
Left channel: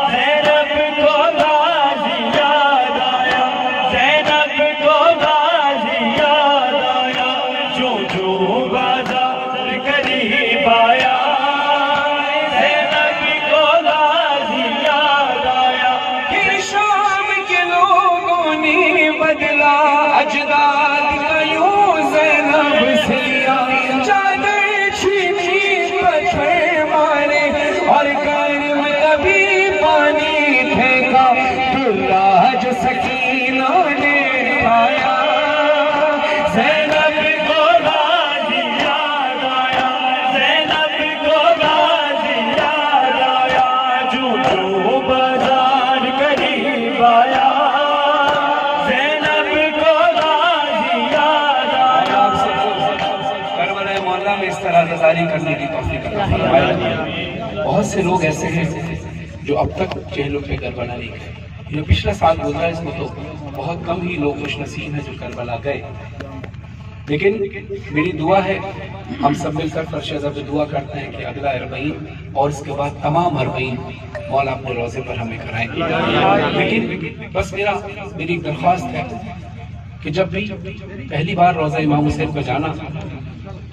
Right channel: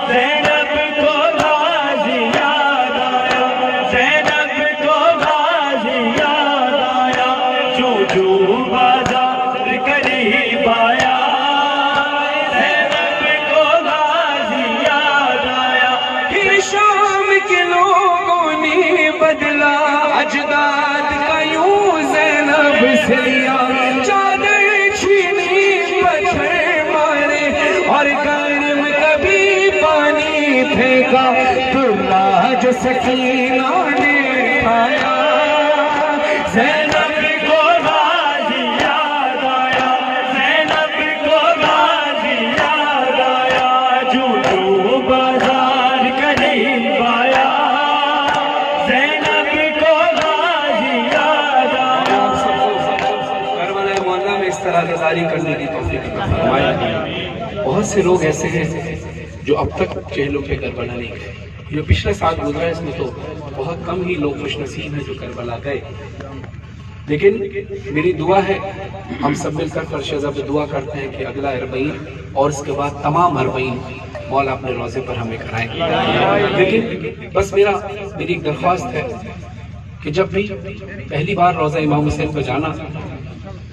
ज़ैनब को गाज़ी याद आया, ज़ैनब को गाज़ी याद आया, जो बाजार करीब आया, ज़ैनब को गाज़ी याद आया। फिर शाम के लोगों ने बदला अजदाद का यूं ज़ैनब से लिया, चादर छीनी पत्थर मारे और गर्म कभी पानी फेंका, दुल्हा जो सकीना ने खाया, ज़ैनब को गाज़ी याद आया, ज़ैनब को गाज़ी याद आया, जो बाजार करीब आया, ज़ैनब को गाज़ी याद आया। करबला मोहल्ला में इस तरह आज़ादारी करने की तौफीक अता फरमाए। बहुत से लोग ऐसे हैं जो अब तक चेहलों पे करबला नहीं गए। जो पिछले साल गुजरा है इसमें तो बहुत कम ही लोग खुशनसीब हैं जो करबला गए। लेकिन मेरी दुआ है, हम सब मिलकर फर्शज़ दुआ करते हैं कि अगला अरबईन और उसके बाद तमाम अरबईन मौला अपने रोज़े पर हमें कराएं। लेकिन बस मेरी एक दरख्वास्त है कि जब भी पहली बार रोज़ा इमाम हुसैन पर जाना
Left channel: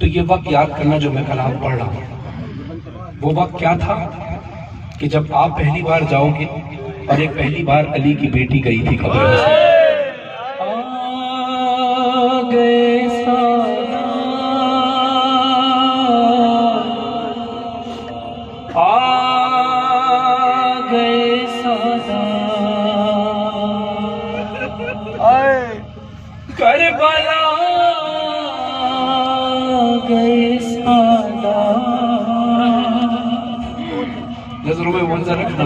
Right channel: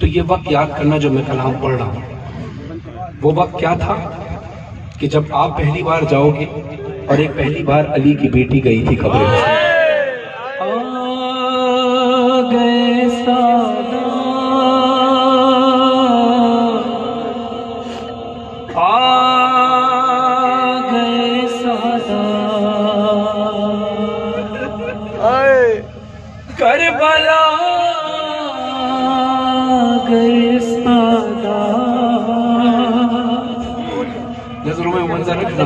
तो ये वक्त याद करना जो मैं कलाम पढ़ रहा हूँ। वो वक्त क्या था कि जब आप पहली बार जाओगे और एक पहली बार अली की बेटी गई थी कब्र में। आ गए सादा, आ गए सादा, करबला गए सादा, नजरों में मंजर रखना।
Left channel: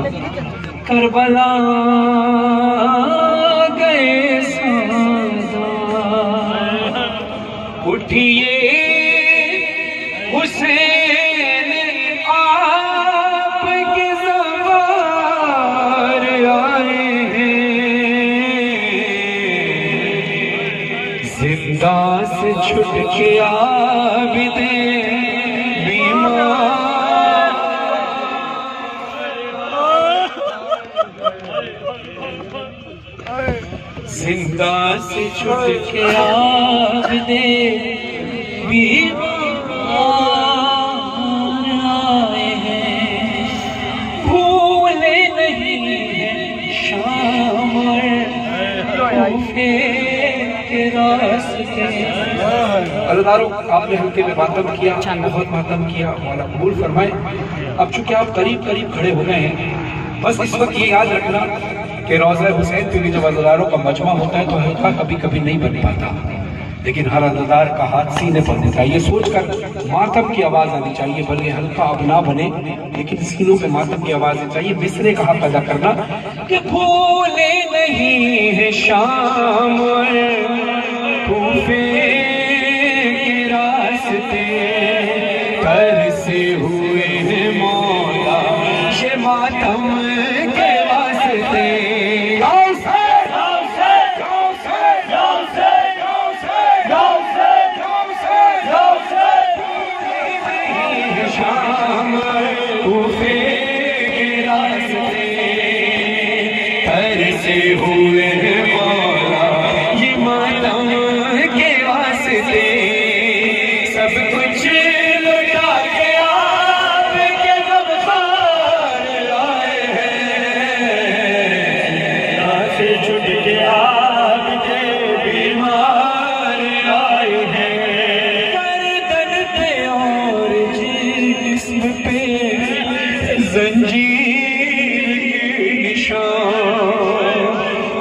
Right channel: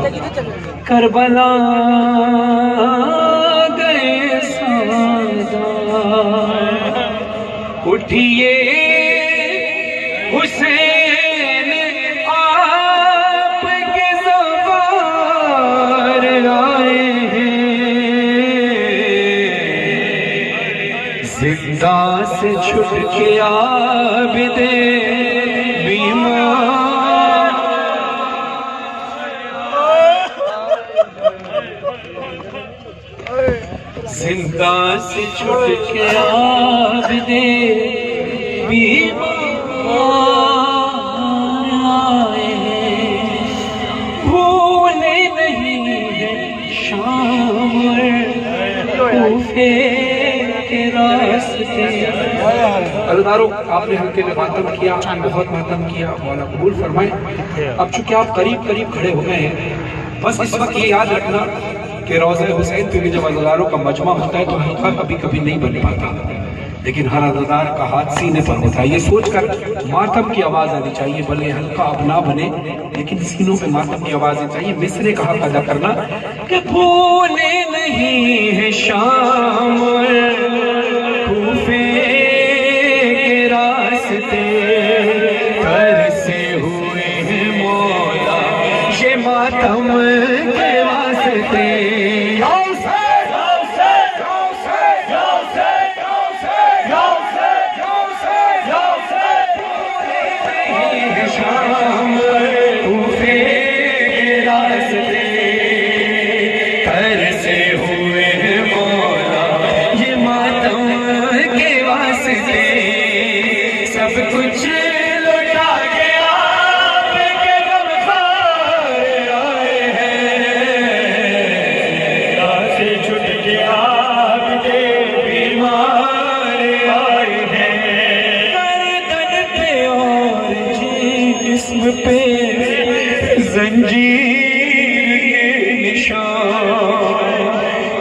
करबला गए सादा, उठिए हुसैन आपके सवार आए हैं, जिंदा से छुट के आबिदे बीमार, जिंदा से छुट के आबिदे बीमार आए हैं, भूले नहीं है शाम कूफे के रास्ते। अल्लाह आपने हल्के में मातम किया, बहुत मातम किया, मौला कबूल फरमाए। अब चूंकि आप करीब करीब खड़े हो गए हैं, बस इस वक्त ये याद रखना कि रोज़ा हुसैन पे जब अज़ादारों का मजमा होता है तो हल्का कभी कभी नहीं बन पाता, लेकिन हर अज़ादार का हाथ सीने पर होता है। ये सोचकर मातम की आवाज़ आनी चाहिए, भले हल्का अब ना बने लेकिन सीनों पे मातम की आवाज़ आनी चाहिए। मिसरे का हक अदा करना कि भूले नहीं है शाम कूफे के रास्ते, कर से हुए हैं मौला ये मातम के वास्ते। शाम कूफे के रास्ते, कर से हुए हैं मौला ये मातम के वास्ते, सब कुछ लौटा के आपके गमखार आए हैं,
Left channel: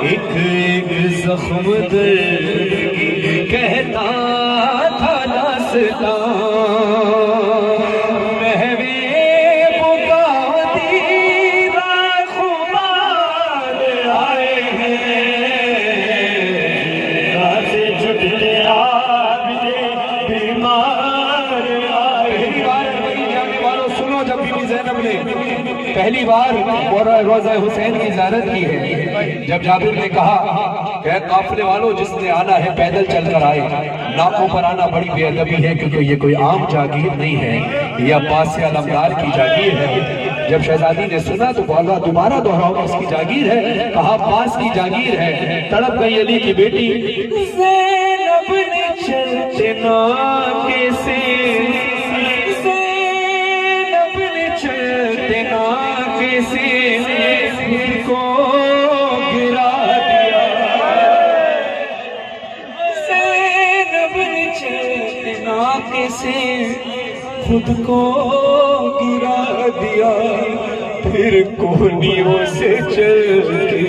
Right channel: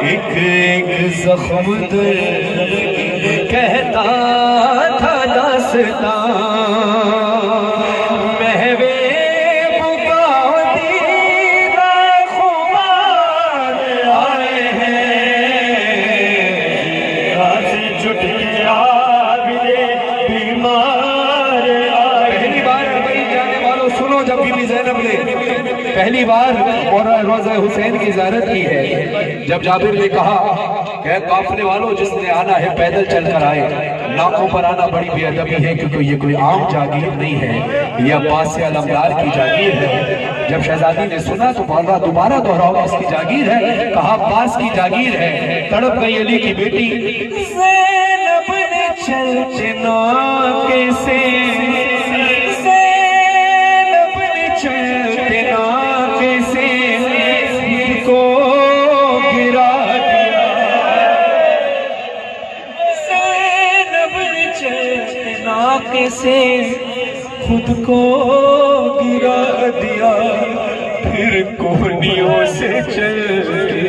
एक एक जख्म दर्द की कहता था दास्तां महवे बुगावती खुमार आए हैं आज छुट के आबिदे बीमार आए। पहली बार अरबी जाने वालों सुनो, जब बीबी ज़ैनब ने पहली बार रोज़ा हुसैन की ज़ियारत की है, जब जाबिर ने कहा कि काफिले वालों जिसने आना है पैदल चलकर आए, नाकों पर आना बड़ी बेअदबी है क्योंकि ये कोई आम जागीर नहीं है, ये अब्बास अलमदार की जागीर है। जब शहजादी ने सुना तो बोला दोबारा दोहराओ किसकी जागीर है? कहा अब्बास की जागीर है। तड़प गई अली की बेटी ज़ैनब ने चलते नाके से, ज़ैनब ने चलते नाके से को गिरा दिया, ज़ैनब ने चलते नाके से खुद को गिरा दिया। फिर कोहनियों से चल के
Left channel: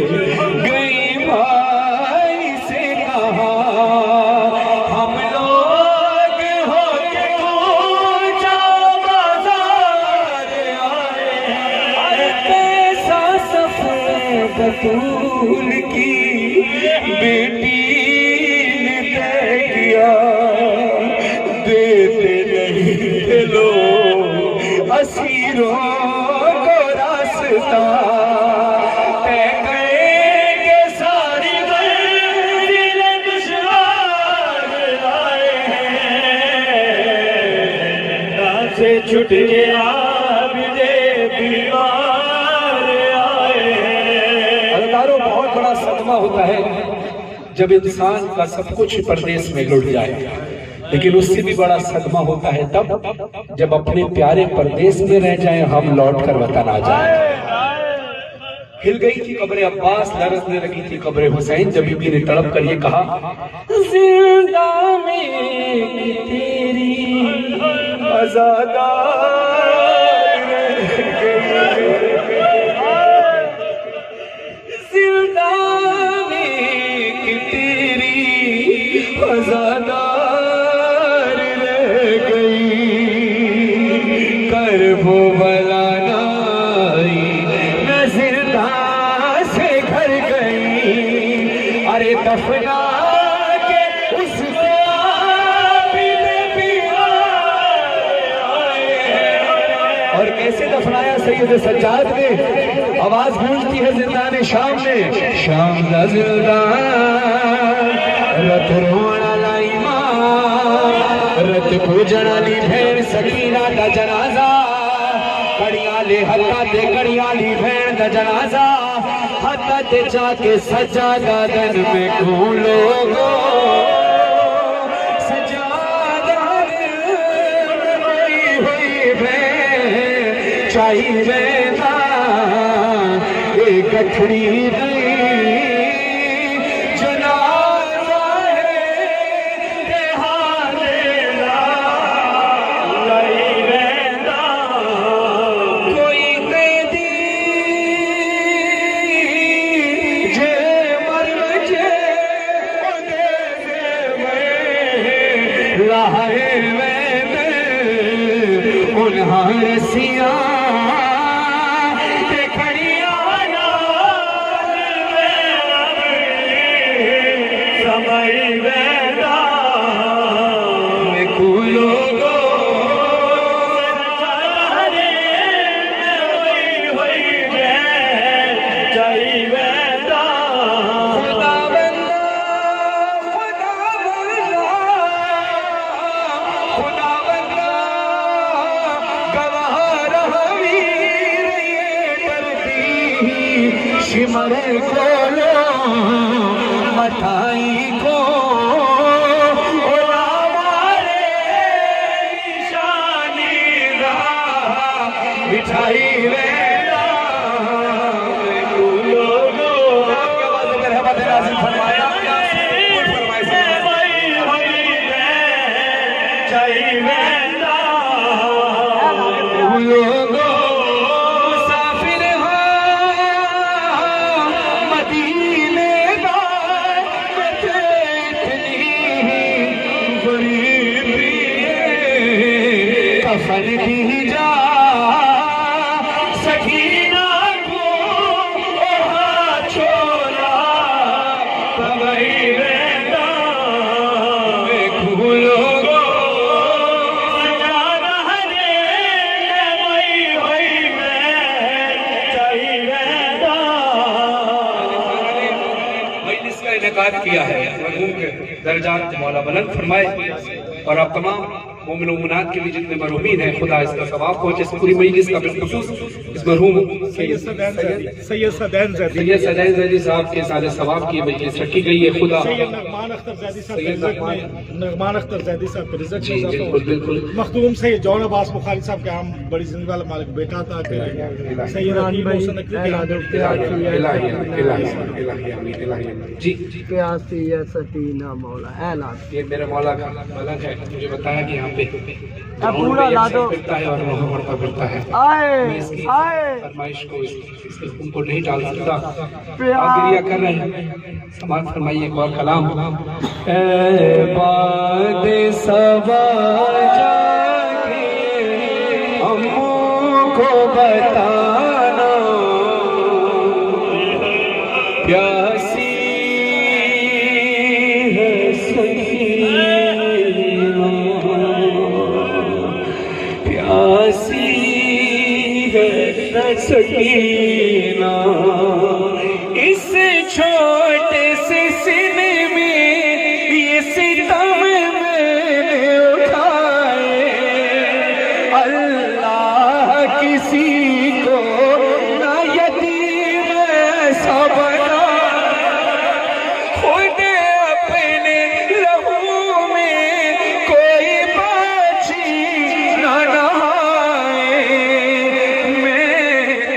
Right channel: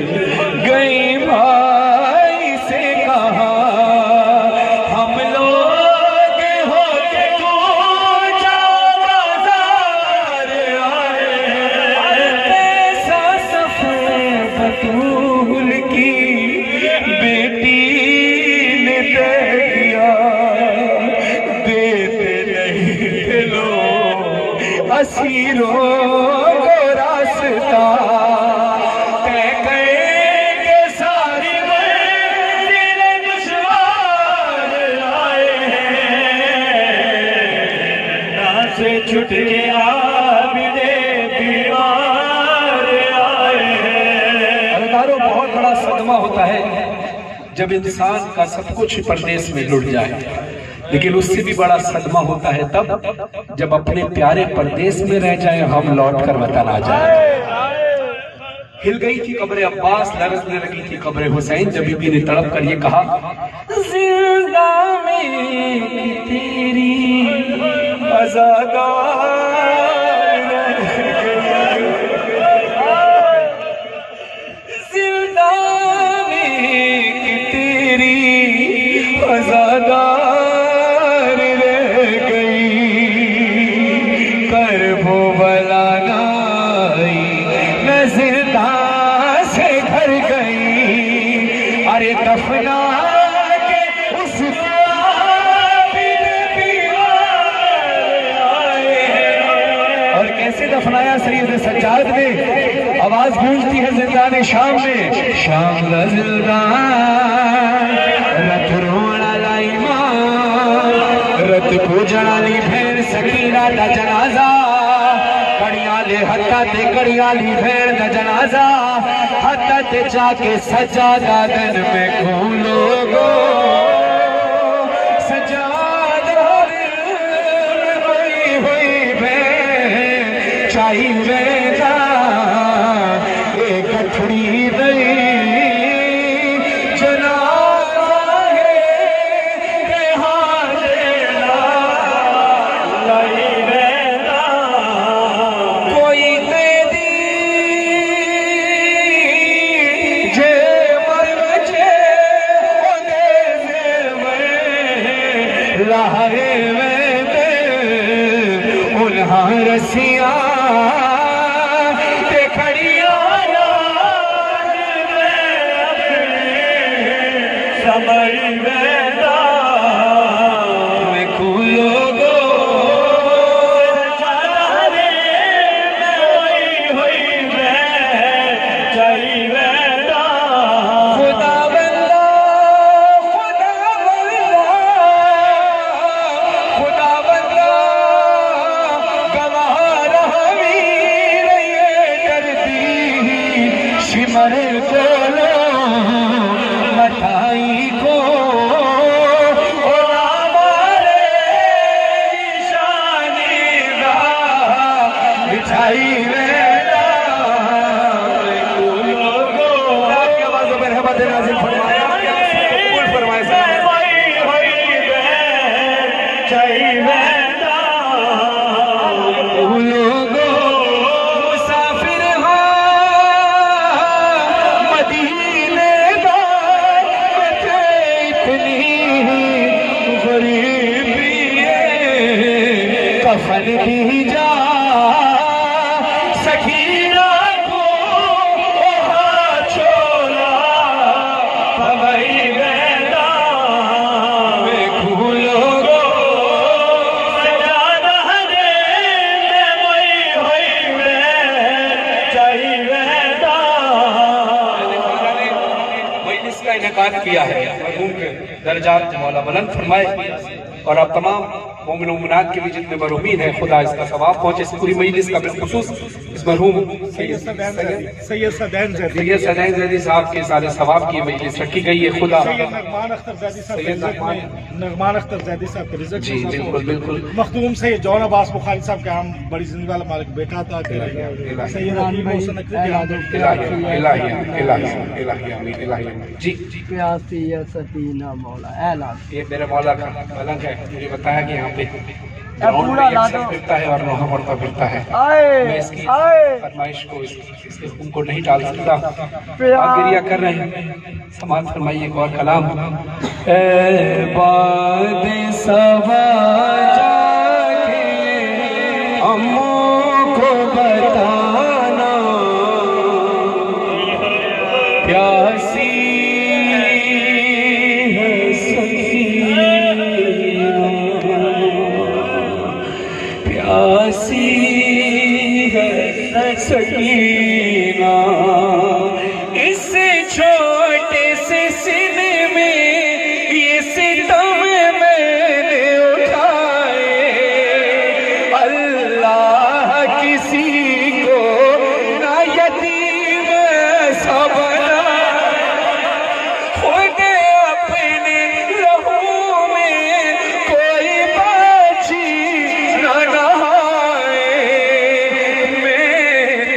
गई भाई से कहा हम लोग हो के पूजा बाजार आए हैं। पैसा सफर बतूल की बेटी ने तय किया, देते नहीं थे लोग असीरों को रास्ता, तय करेंगे सारी मंजिल दुश्वार आए हैं। ना से छुट के आबिदे बीमार आए हैं। अदारों बहुत बड़ा सदमा होता है जब इंसान का सब कुछ परदेश में लुट जाए, लेकिन उससे भी बड़ा सदमा होता है तब जब अपने प्यारे परदेश में रह जाएं, हम लौट कर वतन आ जाएं। हिल गई थी कब्र अब्बास, लरजने लगी थी कब्र हुसैन, जब बीबी ने तड़प कर ये कहा जिंदा में तेरी आज़ादार जिंदा में तेरी आज़ादार रह गई, कर वो बलाना न जिंदा से घर गई। अरे दफना के उसके आबिद बीमार आए। और कैसे दफनाया सैयद सज्जाद ने? आवाज गूंजती है जिंदान शाम में, शाम का जिंदान रत रोना लाई मां, रत पूजना ली भेड़ सकीना का जनाजा, कड़ियां ले हत्ता ते कड़ियां ली भेड़ दा जनाजा, हत्ता ते जाके सज्जादा दिन में खून लोगो सज्जादा दिल में हुई हुई भेड़ चाही वेदा एक गठड़ी गई जनाजा है के हालेला लाई वेदा कोई दे दी जे मर जे ओदे दे मैं राहे मैं उन्हां रसिया ते खड़िया समय वेदा मैं खूलो गो चाही वेदा खुदा बंदा खुदा बंदा गवाह रहा वीर ये दर्दी शिमर कोलो मठाई को मिठाई वेदा आपकी आवाज़ों में रहमत नाज़िल फरमाया, फरमाए चाही वेदा मुसाफिर हो मदीने इनेकाद किया है, मरहूम के दर्जात मौला बुलंद फरमाए और आप तमाम मोमिन मोमिनात के लिए जितने मरहूमीन हैं खुदा इसका सवाब पहुंचे। इस पूरी मजलिस का बिलखुसूस इस मरहूम सैयद सदैन ज़ैदी साहब के सारे सवाब की मजलिस रखी गई है। खुदा नगमान अख्तर ज़ैदी साहब जी बिल्कुल बिल्कुल मखदूम सैयद जौन अब्बास बुखारी साहब का हम बड़ी जिंदा मालिक बेटा था। जी प्यासी है सकीना मौला ऐलान। ये मेरे मौला का मलक है, मुझे बताया कि यहाँ पे ग्राउंड में अक्सर फिरता है और रोह पर फिरता है। मैं इसकी फरमाइश को इसके हुक्म को नहीं टाल सकता। आप गिरिया कर रहे हैं, समाज फरमाइए एक और कलाम। बाद सवा जाके हमको बताना प्यासी है सकीना, प्यासी है सकीना। इस छोटे से सीने में ये सितम मैंने उठाए, अल्लाह किसी को ना यतीम ऐसा बनाए, खुद अपने लहू में कोई बाछी ना नहाए। मैं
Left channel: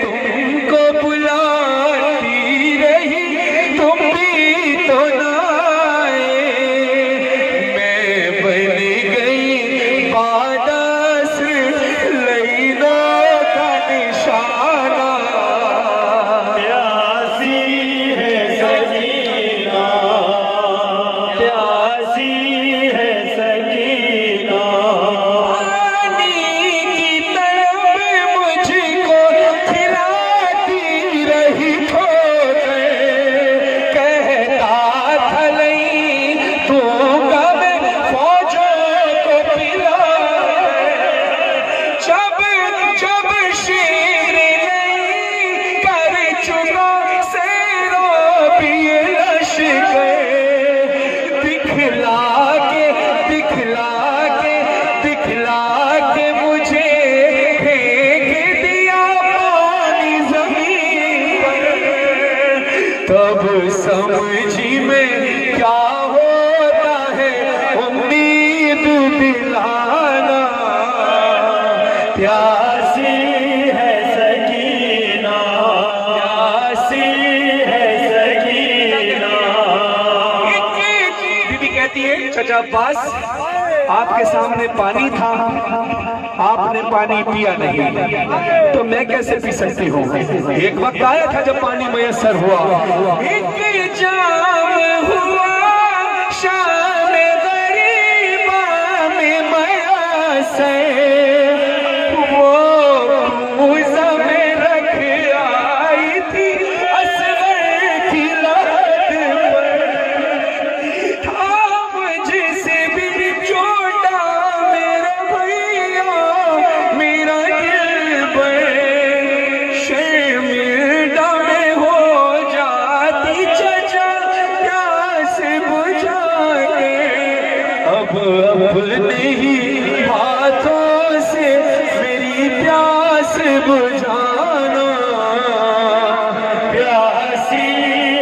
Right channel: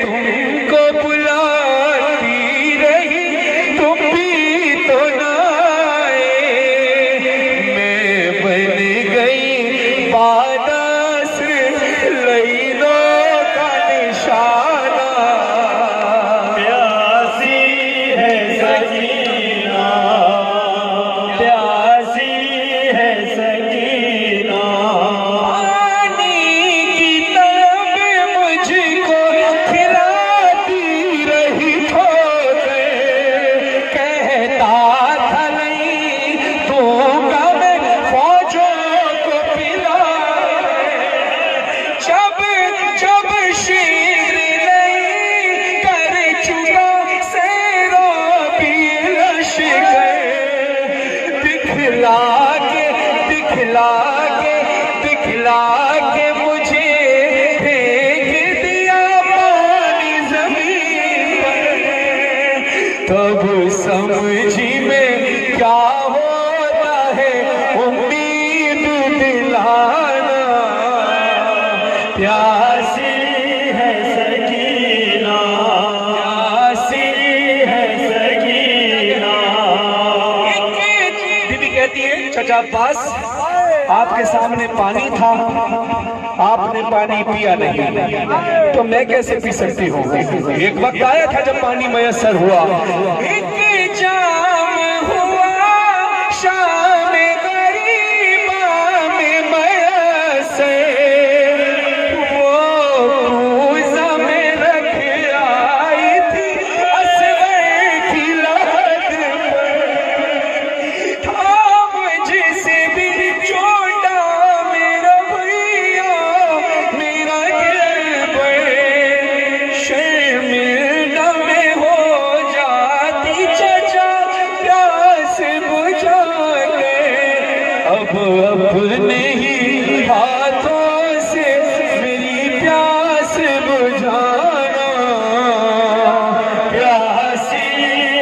तुमको बुलाती रही तुम भी तो ना आए, मैं बन गई बादस लईनों का निशाना। प्यासी है सकीना, प्यासी है सकीना। पानी की तलब मुझको खिलाती रही ठोकर, कहता था नहीं तू कब फौजों को पिला। जब जब शेर नहीं कर चुका शेरों पिए लश्कर, दिखला के दिखला के दिखला के मुझे फेंक दिया पानी जमीन पर। तब समझी में क्या होता है उम्मीद दिलाना, प्यासी है सकीना, प्यासी है सकीना। बीबी कहती है चचा अब्बास आपके सामने पानी था, आपने पानी पिया नहीं, तो मैं कैसे पी सकती हूँ। एक वक्त आया था जब पानी मयसर हुआ, एक जाम हुआ शाम गरीबा में मयसर, वो पूजा में रख आई थी असगर की लहद पर। था मुझसे भी छोटा मेरा भैया मेरा गिरबर, शर्मिंदा में हो जाती चचा प्यास बुझा के। अब अपने ही हाथों से मेरी प्यास बुझाना, प्यासी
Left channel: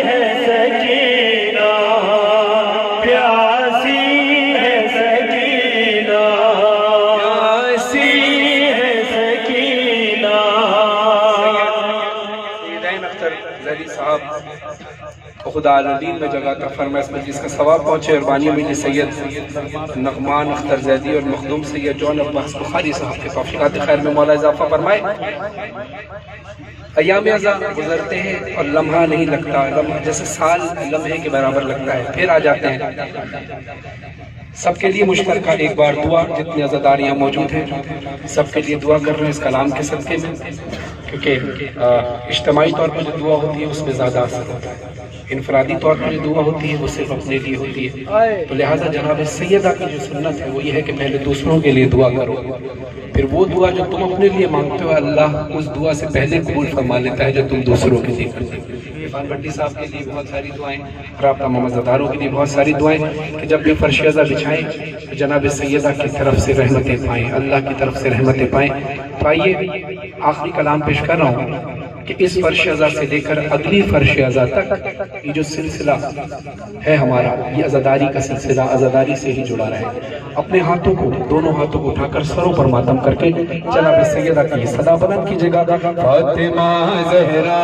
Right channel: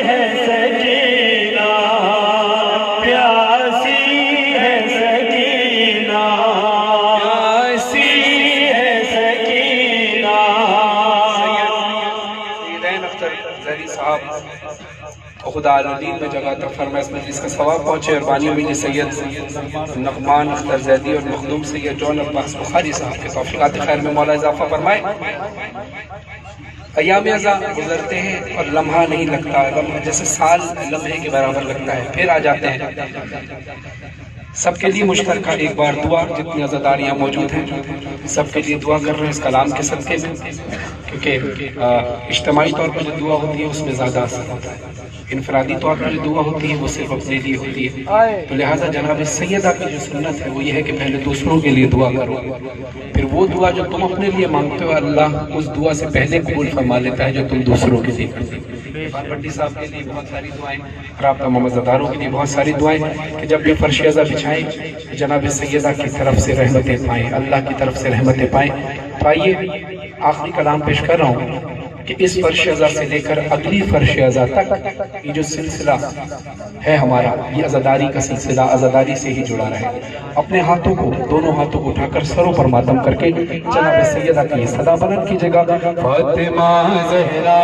है सकीना, प्यासी है सकीना, प्यासी है सकीना। सैयद अख्तर ज़ैदी साहब खुदा आलमीन में जगह तक फरमाए, इस मजलिस का सवाब पहुंचे और बानियों में सैयद नगमान अख्तर ज़ैदी और मखदूम सैयद जौन अब्बास बुखारी साहब के तौफीकात खैर में मौला इजाफा फरमाए। अयाम अज़ा गुजरते हैं और लम्हा नहीं लगता, लम्हा जैसे साल लम्हे के बराबर लगता है, फिर आ जाते हैं। सबके लिए मुश्तरका एक बार दुआ, जितने अज़ादार यहाँ मौजूद हैं सबके लिए दुआ कर रहे हैं इस कलाम के सदक़े में, क्योंकि इज्तिमाई तौर पर जो दुआ होती है उसमें ज़्यादा असर होता है, इनफरादी तौर पर जो दुआ होती है वो सिर्फ अपने लिए होती है। तो लिहाजा जनाब सैयदा की जो सुन्नत है वो ये है कि पहले दूसरों के लिए दुआ करो, फिर वो दुआ जो तुम अपने लिए मांगते हो अल्लाह उस दुआ से पहले कबूल फरमा लेता है जो तुम दूसरों के लिए करते हो। इरफान भट्टी साहब के लिए बहुत सारी दुआएं और आप तमाम मज़दारों के लिए बहुत सारी दुआएं कि जब भी फर्श अज़ा बिछाएं तो जनाब सैयदा की तरफ से रहमतें पाएं, अल्लाह की तरफ से रहमतें पाएं। तो आइए आखिरी कलाम पेश कर रहा हूँ कि इस फर्श अज़ा से लेकर अगली फर्श अज़ा तक ये जो सिलसिला है हमारा, ये अज़ादारी का सिलसिला अज़ादारी से ही जुड़ा रहे। अपने हाथों को, दोनों हाथों को उठाकर सरों पर मातम करके जनाब सैयदा की सदा बुलंद कीजिएगा। फातिमा ज़हरा,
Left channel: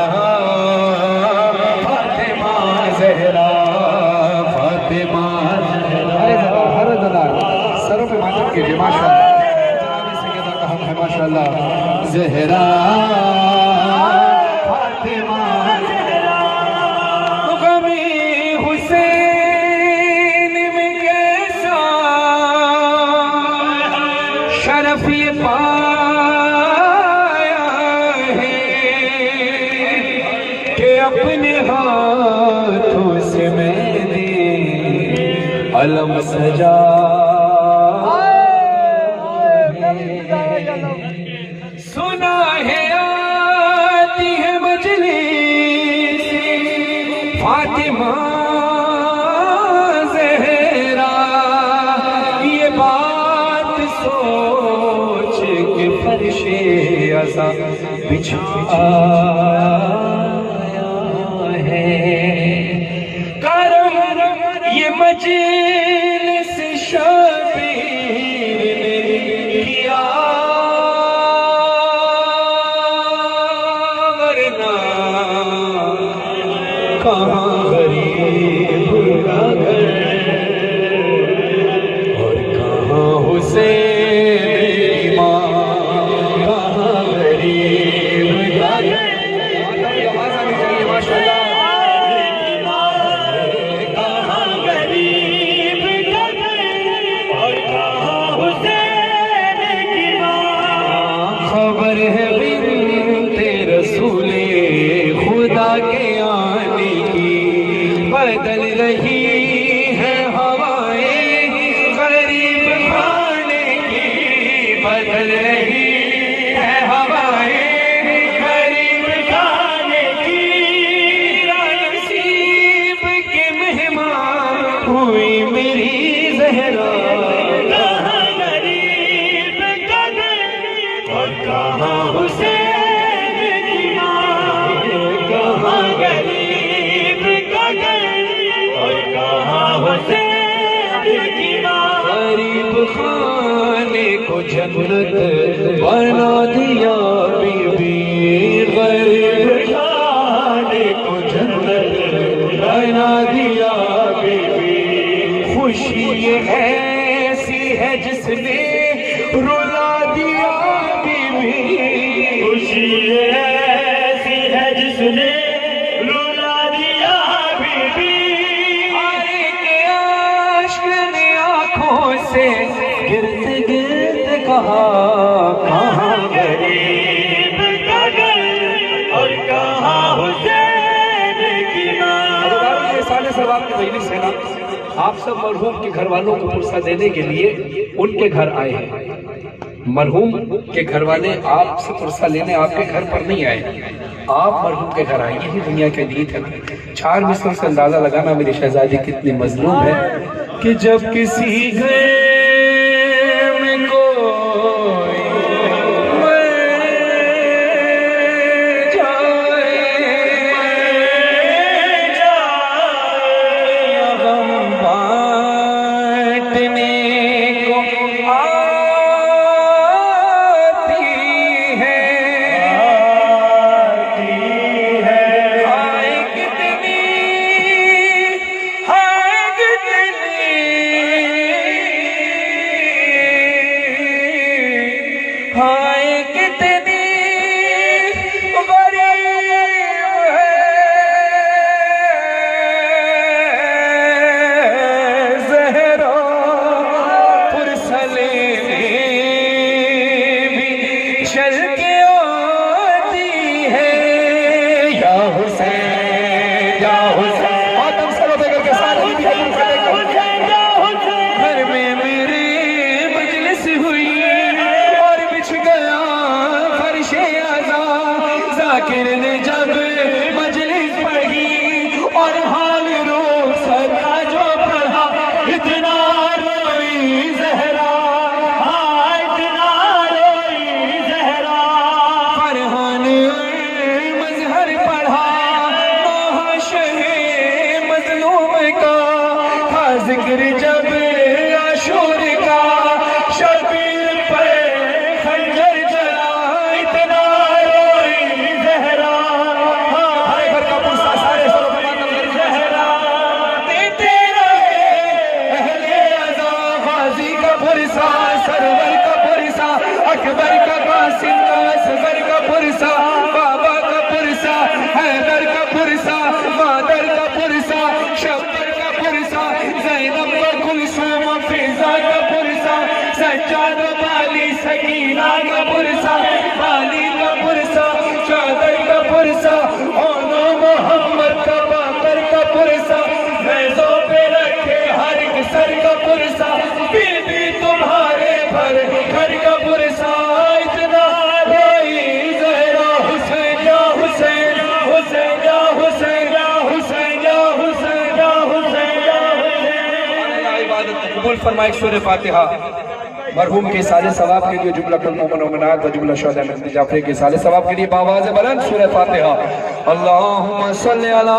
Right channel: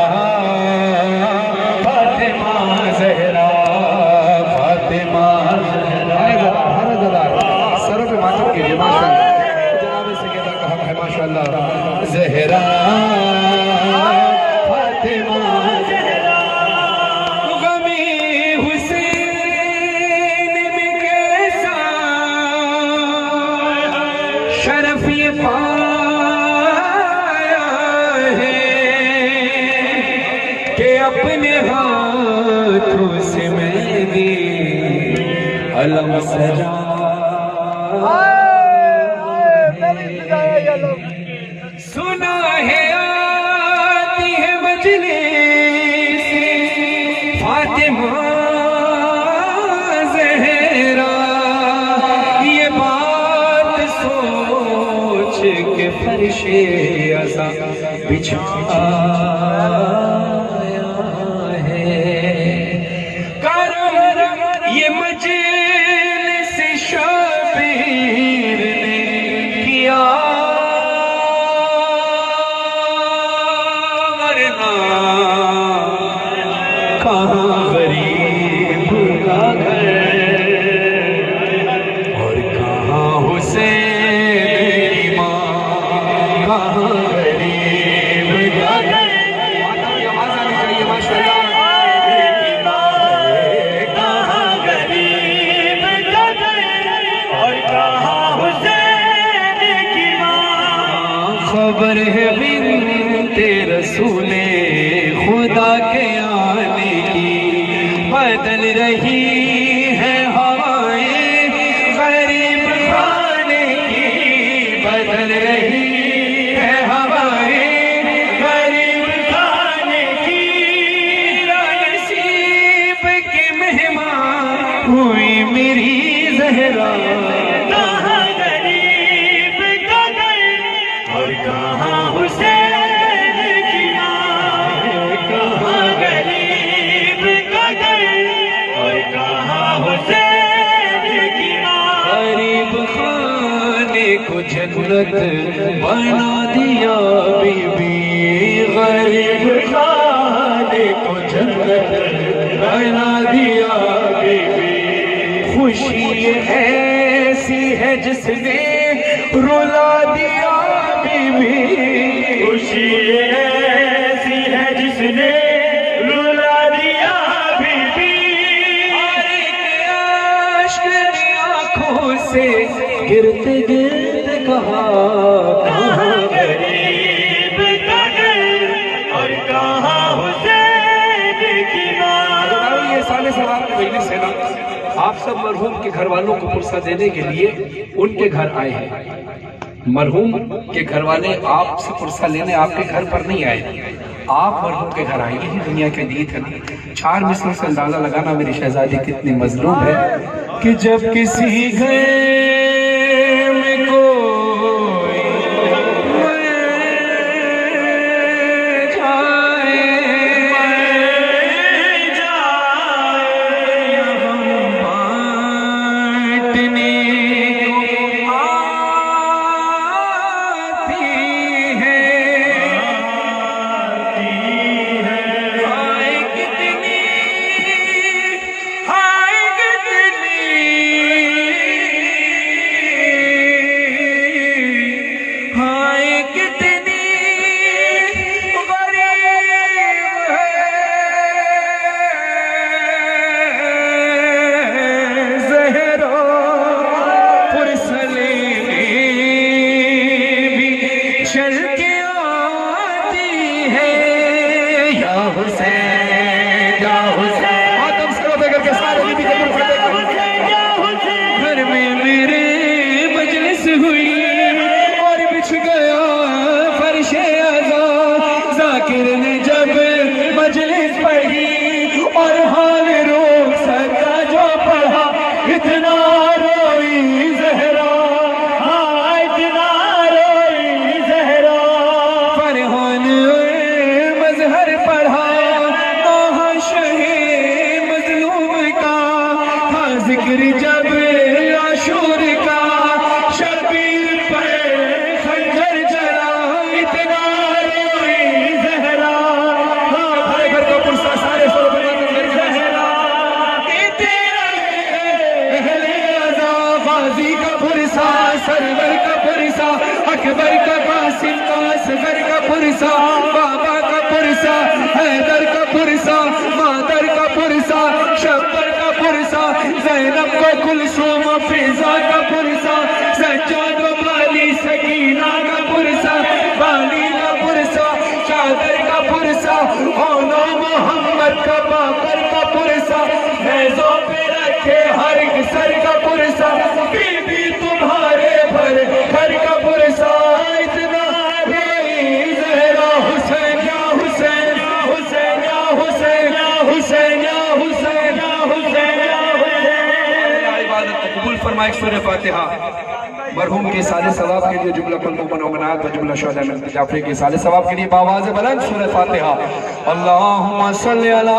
फातिमा ज़हरा, फातिमा ज़हरा। हर अज़ादार सरों पे मातम कीजिए माशाअल्लाह। जनाब सैयदा का हक है माशाअल्लाह। ज़हरा शरफ ये पाया है कि अपने हाथों से मैंने अलम सजा। सुना है आती है मजलिस फातिमा ज़हरा, ये बात सोच के फर्शे अज़ा बिछाया है। करम ये मजलिस शबीर ने किया, वरना कहाँ गरीब का घर और कहाँ हुसैन की माँ, कहाँ गरीब का घर। आवाज आनी चाहिए माशाअल्लाह। कहाँ गरीब का घर और कहाँ हुसैन की माँ। खबर है बिन्ते रसूले खुदा के आने की, बदल रही है हवाएं गरीब खाने की, बदल रही है हवाएं गरीब खाने की। नसीब के मेहमान हुई मेरी ज़हरा, कहाँ गरीब का घर और कहाँ हुसैन की माँ। कहाँ गरीब का घर और कहाँ हुसैन की माँ। गरीब खाने को जन्नत बना दिया बीबी, गरीब खाने को जन्नत बना दिया बीबी। खुशी ऐसी है जिसने रुला दिया बीबी, खुशी ऐसी है जिसने रुला दिया बीबी। आंखों से गिरते गिरते कहा, कहाँ गरीब का घर और कहाँ हुसैन की माँ। ये साले सवाल की मजलिस है ना, आप सब मरहूम के घर वालों को पुरसा देने के लिए उनके घर आए हैं। मरहूम के घर वाले आपसे पुरसा लेने आपके घर पर नहीं आए, आप मरहूम के घर आए। यही दुनिया की नीत है ना। 4 मिसरों से अंदाजा लगाना मेरी शहजादी कितनी मजलूम है कि जब किसी घर में कोई मर जाए, गम बांटने को आती है। हाय कितनी जिक्र जब आशूर का, शबीर पे खंजर चला, इतना रोई ज़हरा। भाई घर का पुरसा सारे ज़हरा देते रहे अहले अज़ा, गाज़ी का पुरसा, सरवर का पुरसा, अकबर का, कासिम का, असगर का पुरसा, बाबा का पुरसा, हैदर का पुरसा, मादर का पुरसा, शब्बर का पुरसा, ज़ैनब का कुलसूम, फिजा का पुरसा, सज्जाद बाली, सकीना का पुरसा, बाली का पुरसा, चादर का पुरसा, ओनो मोहम्मद का, बाकर का पुरसा, नेज़ों पे रखे हर सर का पुरसा, बीबी तुम्हारे भर घर का पुरसा, इतना रोई ज़हरा। हुसैन या हुसैन, हुसैन या हुसैन, या हुसैन या हुसैन, या हुसैन या हुसैन। इबादत कबूल फरमाए सूरह फातिहा। मरहूम के साले सवाब के लिए, जुमला कुल मोमिन व मोमिनात व जुमला शुहदा में जाफरी के साले सवाब के लिए बावाज़ बुलंद सूरह फातिहा। अल्लाहुम्मा सल्लि अला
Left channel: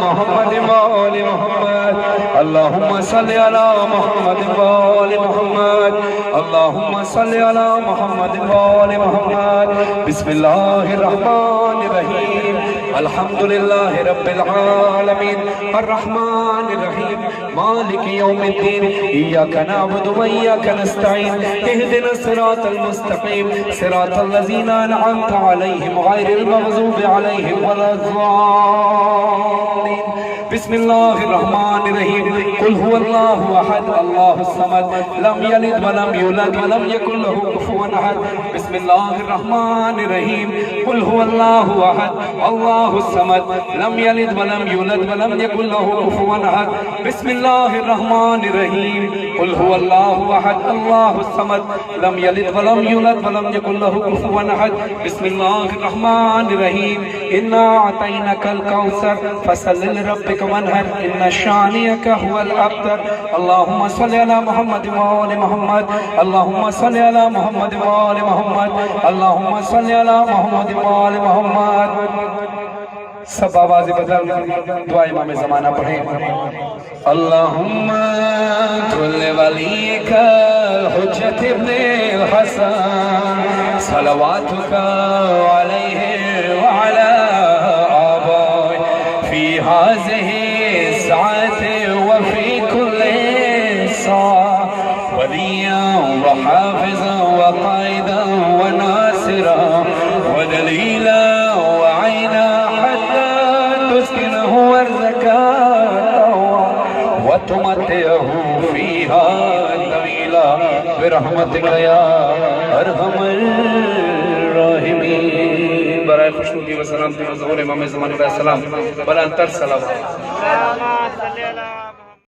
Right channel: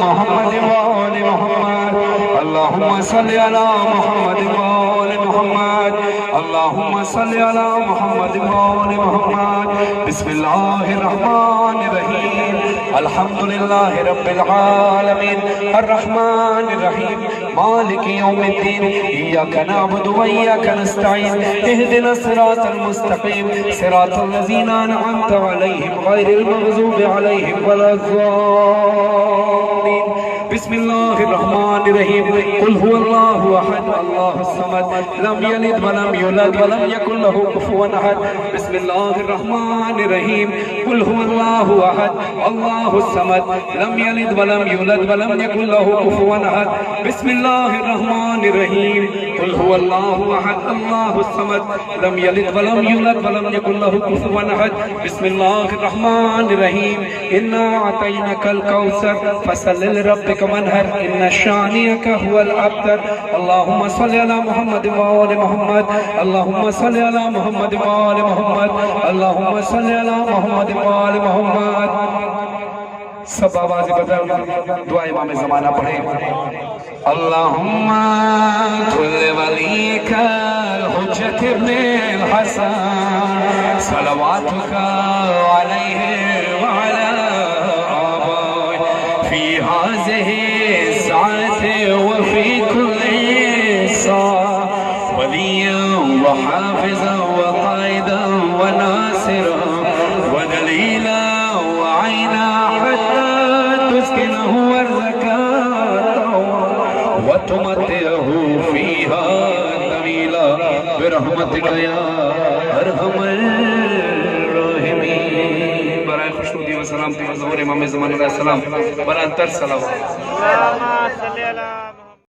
मुहम्मद व आलि मुहम्मद, अल्लाहुम्मा सल्लि अला मुहम्मद व आलि मुहम्मद, अल्लाहुम्मा सल्लि अला मुहम्मद व आलि मुहम्मद। बिस्मिल्लाहिर रहमानिर रहीम, अल्हम्दुलिल्लाहि रब्बिल आलमीन, अर्रहमानिर रहीम, मालिकि यौमिद्दीन, इय्याका नअबुदु व इय्याका नस्तईन, इहदिना सिरातल मुस्तकीम, सिरातल लज़ीना अनअमता अलैहिम गैरिल मग़ज़ूबि अलैहिम वलज़्ज़ालिन। बिस्मिल्लाहिर रहमानिर रहीम, कुल हुवल्लाहु अहद, अल्लाहुस समद, लम यलिद व लम यूलद व लम यकुल लहू कुफुवन अहद। बिस्मिल्लाहिर रहमानिर रहीम, कुल हुवल्लाहु अहद, अल्लाहुस समद, लम यलिद व लम यूलद व लम यकुल लहू कुफुवन अहद। बिस्मिल्लाहिर रहमानिर रहीम, कुल हुवल्लाहु अहद, अल्लाहुस समद, लम यलिद व लम यूलद व लम यकुल लहू कुफुवन अहद। बिस्मिल्लाहिर रहमानिर रहीम, इन्ना अतैनाकल कौसर फसल्लि लिरब्बिक वन्हर, इन्ना शानियका हुवल अब्तर। अल्लाहुम्मा सल्लि अला मुहम्मद व आलि मुहम्मद, अल्लाहुम्मा सल्लि अला मुहम्मद व आलि मुहम्मद, अल्लाहुम्मा सल्लि अला मुहम्मद व आलि मुहम्मद। सब आवाज़ें बदल दुआ इमाम ज़माना पढ़ें। अल्लाहुम्मा कुल्ल वलीकल हुज्जत इब्नुल हसन, सलवातुका अलैहि व अला आबाई, फी हाज़िहि साअति व फी कुल्ली साअ, वलिय्यन व हाफ़िज़न व क़ाइदन व नासिरन व दलीलन व ऐना हत्ता तुस्किनहु व तुमत्तिअहु फ़ीहा तवीला बिरहमतिका या अरहमर राहिमीन। बराए खुशनुदी व सलामती व ज़हूर इमाम ज़मान अलैहिस्सलाम, बराए अंतर सलावत।